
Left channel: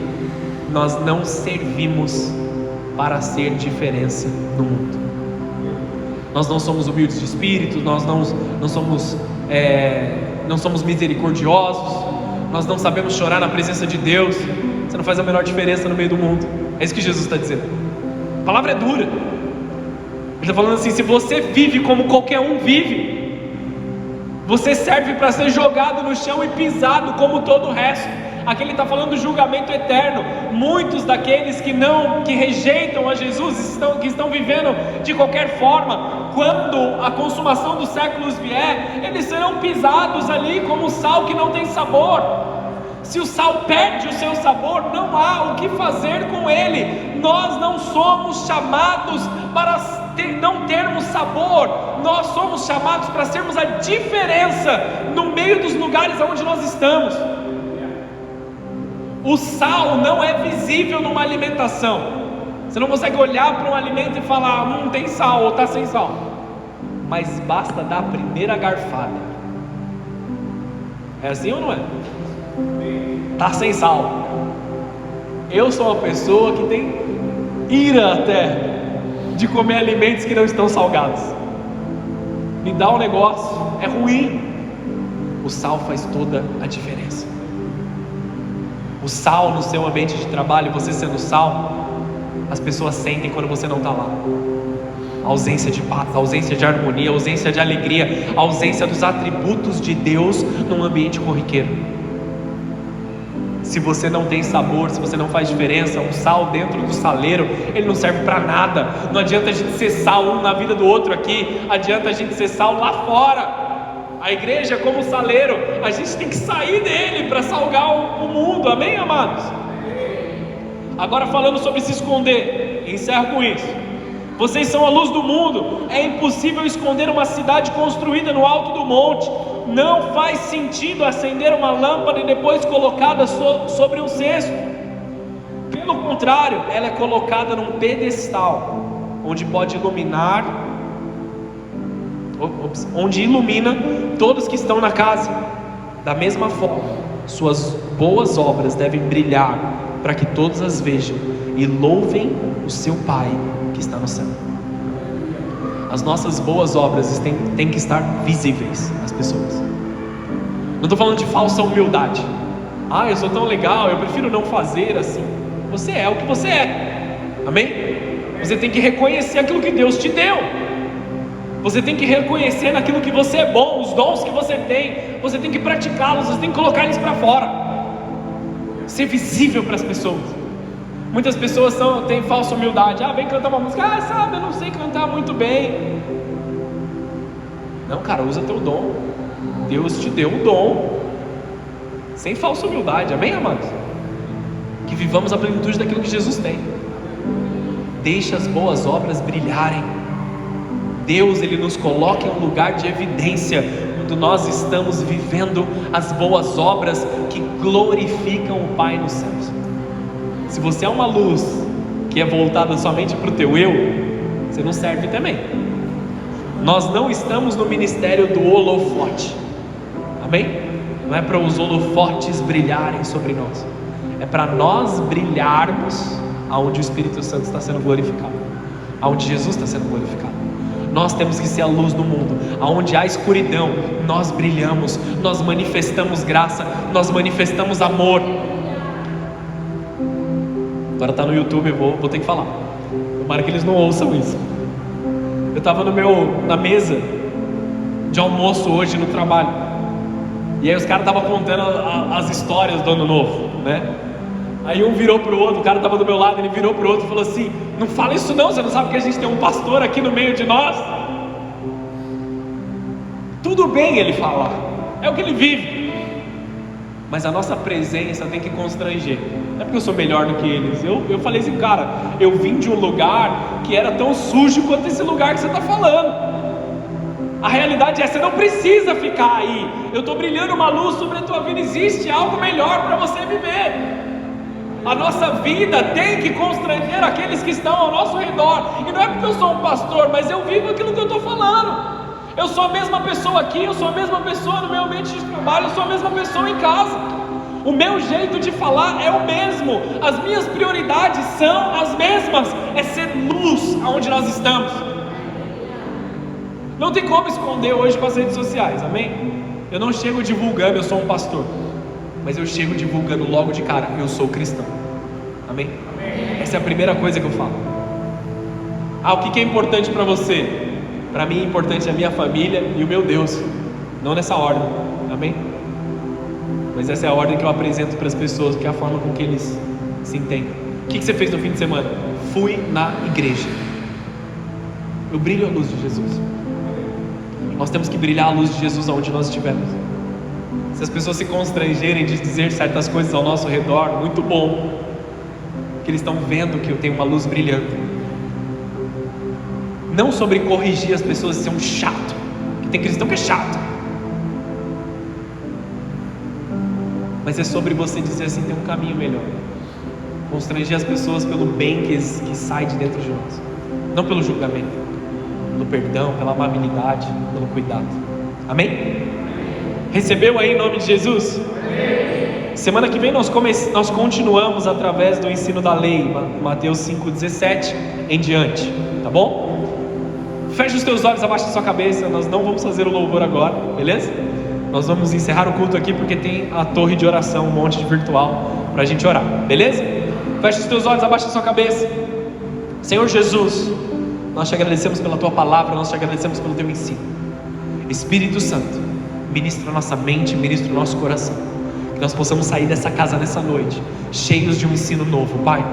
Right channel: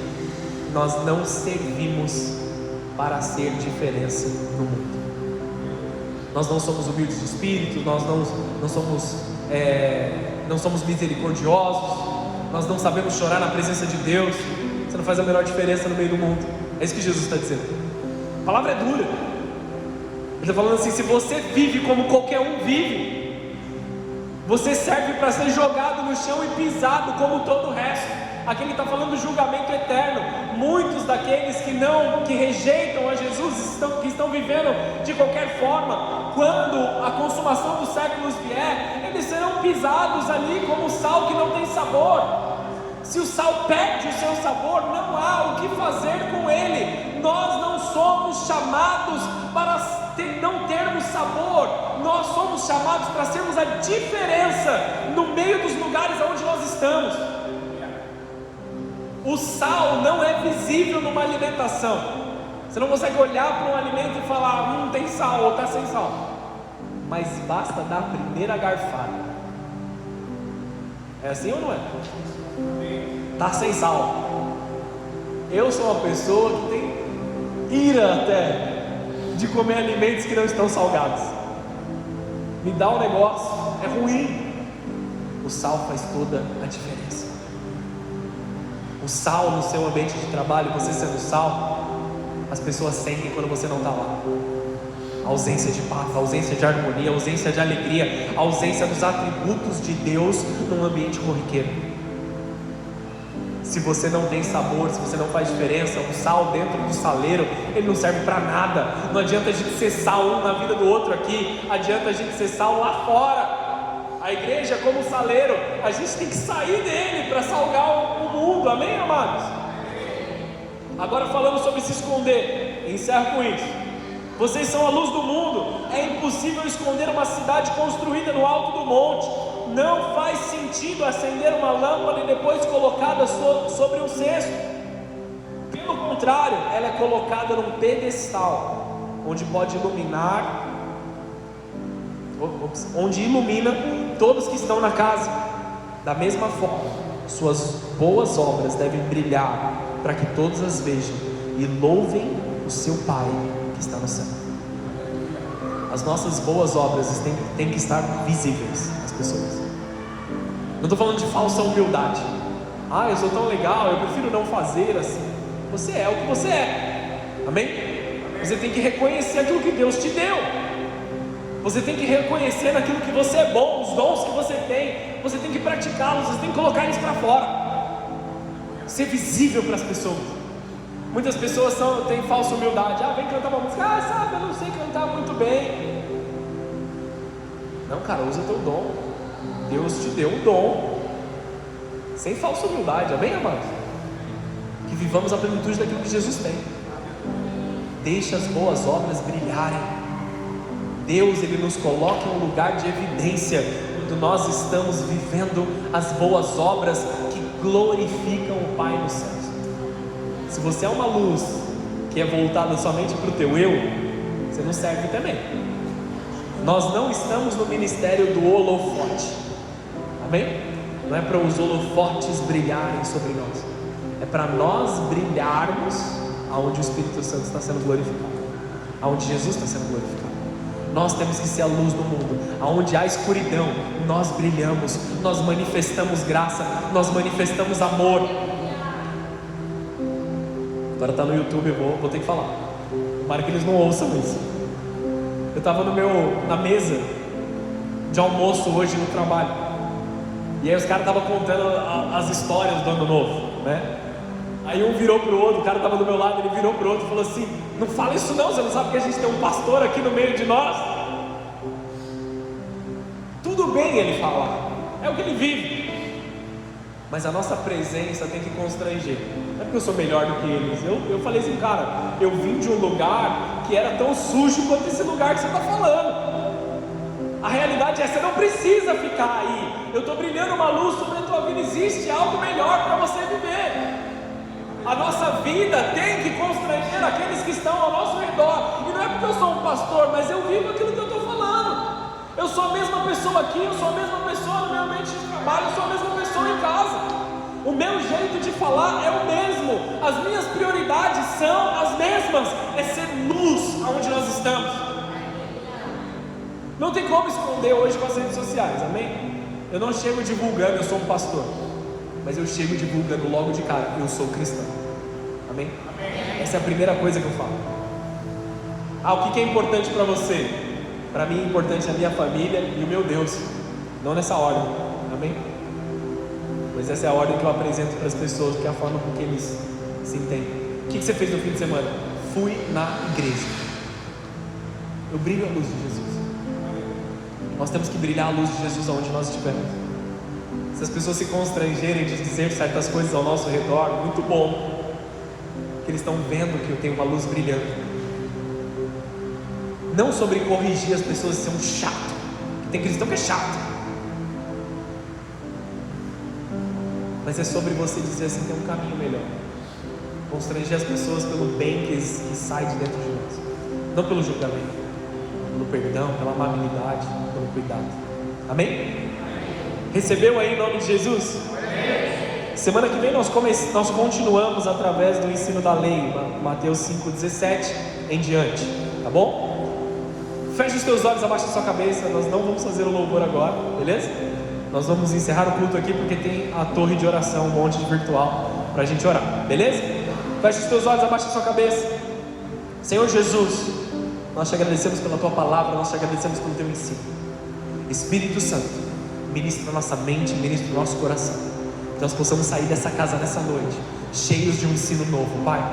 nós não servimos para ser diferença no mundo. Nós não somos humildes de espírito, nós não somos misericordiosos, nós não sabemos chorar na presença de Deus. Você não faz a menor diferença no meio do mundo. É isso que Jesus está dizendo. A palavra é dura. Ele está falando assim: se você vive como qualquer um vive, você serve para ser jogado no chão e pisado como todo o resto. Aqui ele está falando do julgamento eterno. Muitos daqueles que rejeitam a Jesus, que estão vivendo de qualquer forma, quando a consumação dos séculos vier, eles serão pisados ali como sal que não tem sabor. Se o sal perde o seu sabor, não há o que fazer com ele. Nós não somos chamados para não termos sabor. Nós somos chamados para sermos a diferença no meio dos lugares onde nós estamos. O sal não é visível numa alimentação. Você não consegue olhar para um alimento e falar: tem sal ou está sem sal. Mas basta dar a primeira garfada. É assim ou não é? Está sem sal. Eu sou uma pessoa que tem ira até de comer alimentos que não estão salgados. Me dá um negócio, é ruim. O sal faz toda a diferença. O sal no seu ambiente de trabalho, você sendo sal, as pessoas sentem quando você não está lá. A ausência de paz, a ausência de harmonia, a ausência de alegria, a ausência dos atributos de Deus num ambiente corriqueiro. Se você não tem sabor, se você não faz diferença, um sal dentro do saleiro, ele não serve para nada. Não adianta a gente ser sal um na vida do outro aqui, adianta a gente ser sal lá fora. A igreja é como saleiro, a gente tem que sair dele para salgar o mundo, amém, amados? Agora falando sobre se esconder, encerro com isso. Vocês são a luz do mundo. É impossível esconder uma cidade construída no alto do monte. Não faz sentido acender uma lâmpada e depois colocada sobre um cesto. Pelo contrário, ela é colocada num pedestal, onde pode iluminar, onde ilumina todos que estão na casa. Da mesma forma, suas boas obras devem brilhar, para que todos as vejam e louvem o seu Pai que está no céu. As nossas boas obras têm que estar visíveis às pessoas. Não estou falando de falsa humildade. Eu sou tão legal, eu prefiro não fazer assim. Você é o que você é, amém? Você tem que reconhecer aquilo que Deus te deu. Você tem que reconhecer naquilo que você é bom, os dons que você tem. Você tem que praticá-los, você tem que colocar eles para fora. Ser visível para as pessoas. Muitas pessoas têm falsa humildade. Vem cantar uma música. Sabe, eu não sei cantar muito bem. Não, cara, usa teu dom. Deus te deu um dom. Sem falsa humildade, amém, amados? Que vivamos a plenitude daquilo que Jesus tem. Deixe as boas obras brilharem. Deus, Ele nos coloca em um lugar de evidência quando nós estamos vivendo as boas obras que glorificam o Pai nos céus. Se você é uma luz que é voltada somente para o teu eu, você não serve também. Nós não estamos no ministério do holofote, Amém? Não é para os holofotes brilharem sobre nós, é para nós brilharmos aonde o Espírito Santo está sendo glorificado, aonde Jesus está sendo glorificado. Nós temos que ser a luz do mundo. Aonde há escuridão, nós brilhamos, nós manifestamos graça, nós manifestamos amor. Agora está no YouTube, eu vou ter que falar. Tomara que eles não ouçam isso. Eu estava na mesa de almoço hoje no trabalho, e aí os caras estavam contando as histórias do ano novo, né? Aí um virou pro outro, o cara estava do meu lado, ele virou pro outro e falou assim: não fala isso não, você não sabe que a gente tem um pastor aqui no meio de nós? Tudo bem ele falar, é o que ele vive, mas a nossa presença tem que constranger. Não é porque eu sou melhor do que eles. Eu falei assim, cara, eu vim de um lugar que era tão sujo quanto esse lugar que você está falando. A realidade é, você não precisa ficar aí. Eu estou brilhando uma luz sobre a tua vida, existe algo melhor para você viver. A nossa vida tem que constranger aqueles que estão ao nosso redor. E não é porque eu sou um pastor, mas eu vivo aquilo que eu estou falando. Eu sou a mesma pessoa aqui, eu sou a mesma pessoa no meu ambiente de trabalho, eu sou a mesma pessoa em casa. O meu jeito de falar é o mesmo. As minhas prioridades são as mesmas. É ser luz aonde nós estamos. Não tem como esconder hoje com as redes sociais, amém? Eu não chego divulgando, eu sou um pastor, mas eu chego divulgando logo de cara, eu sou cristão. Amém? Essa é a primeira coisa que eu falo. O que é importante para você? Para mim, importante é a minha família e o meu Deus. Não nessa ordem. Amém? Mas essa é a ordem que eu apresento para as pessoas, que é a forma com que eles se entendem. O que você fez no fim de semana? Fui na igreja. Eu brilho a luz de Jesus. Nós temos que brilhar a luz de Jesus aonde nós estivermos. Se as pessoas se constrangerem de dizer certas coisas ao nosso redor, muito bom, que eles estão vendo que eu tenho uma luz brilhando. Não sobre corrigir as pessoas e ser um chato, que tem cristão que é chato, mas é sobre você dizer que você tem um caminho melhor. Constranger as pessoas pelo bem que sai de dentro de nós, não pelo julgamento, pelo perdão, pela amabilidade, pelo cuidado. Amém? Recebeu aí em nome de Jesus? Semana que vem nós continuamos através do ensino da lei, Mateus 5,17 em diante, tá bom? Feche os teus olhos, abaixa a sua cabeça. Nós não vamos fazer o louvor agora, beleza? Nós vamos encerrar o culto aqui porque tem a torre de oração, um monte de virtual pra gente orar, beleza? Feche os teus olhos, abaixa a sua cabeça. Senhor Jesus, nós te agradecemos pela tua palavra, nós te agradecemos pelo teu ensino. Espírito Santo, ministra a nossa mente, ministra o nosso coração, que nós possamos sair dessa casa nessa noite cheios de um ensino novo, Pai.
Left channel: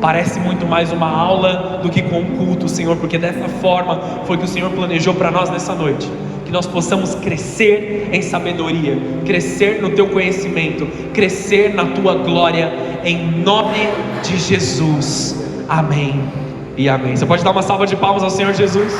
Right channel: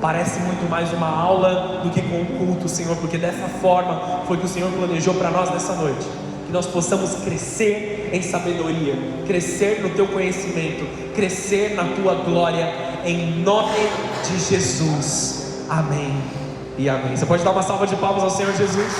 Parece muito mais uma aula do que com um culto, Senhor, porque dessa forma foi que o Senhor planejou para nós nessa noite. Que nós possamos crescer em sabedoria, crescer no teu conhecimento, crescer na tua glória, em nome de Jesus. Amém e amém. Você pode dar uma salva de palmas ao Senhor Jesus?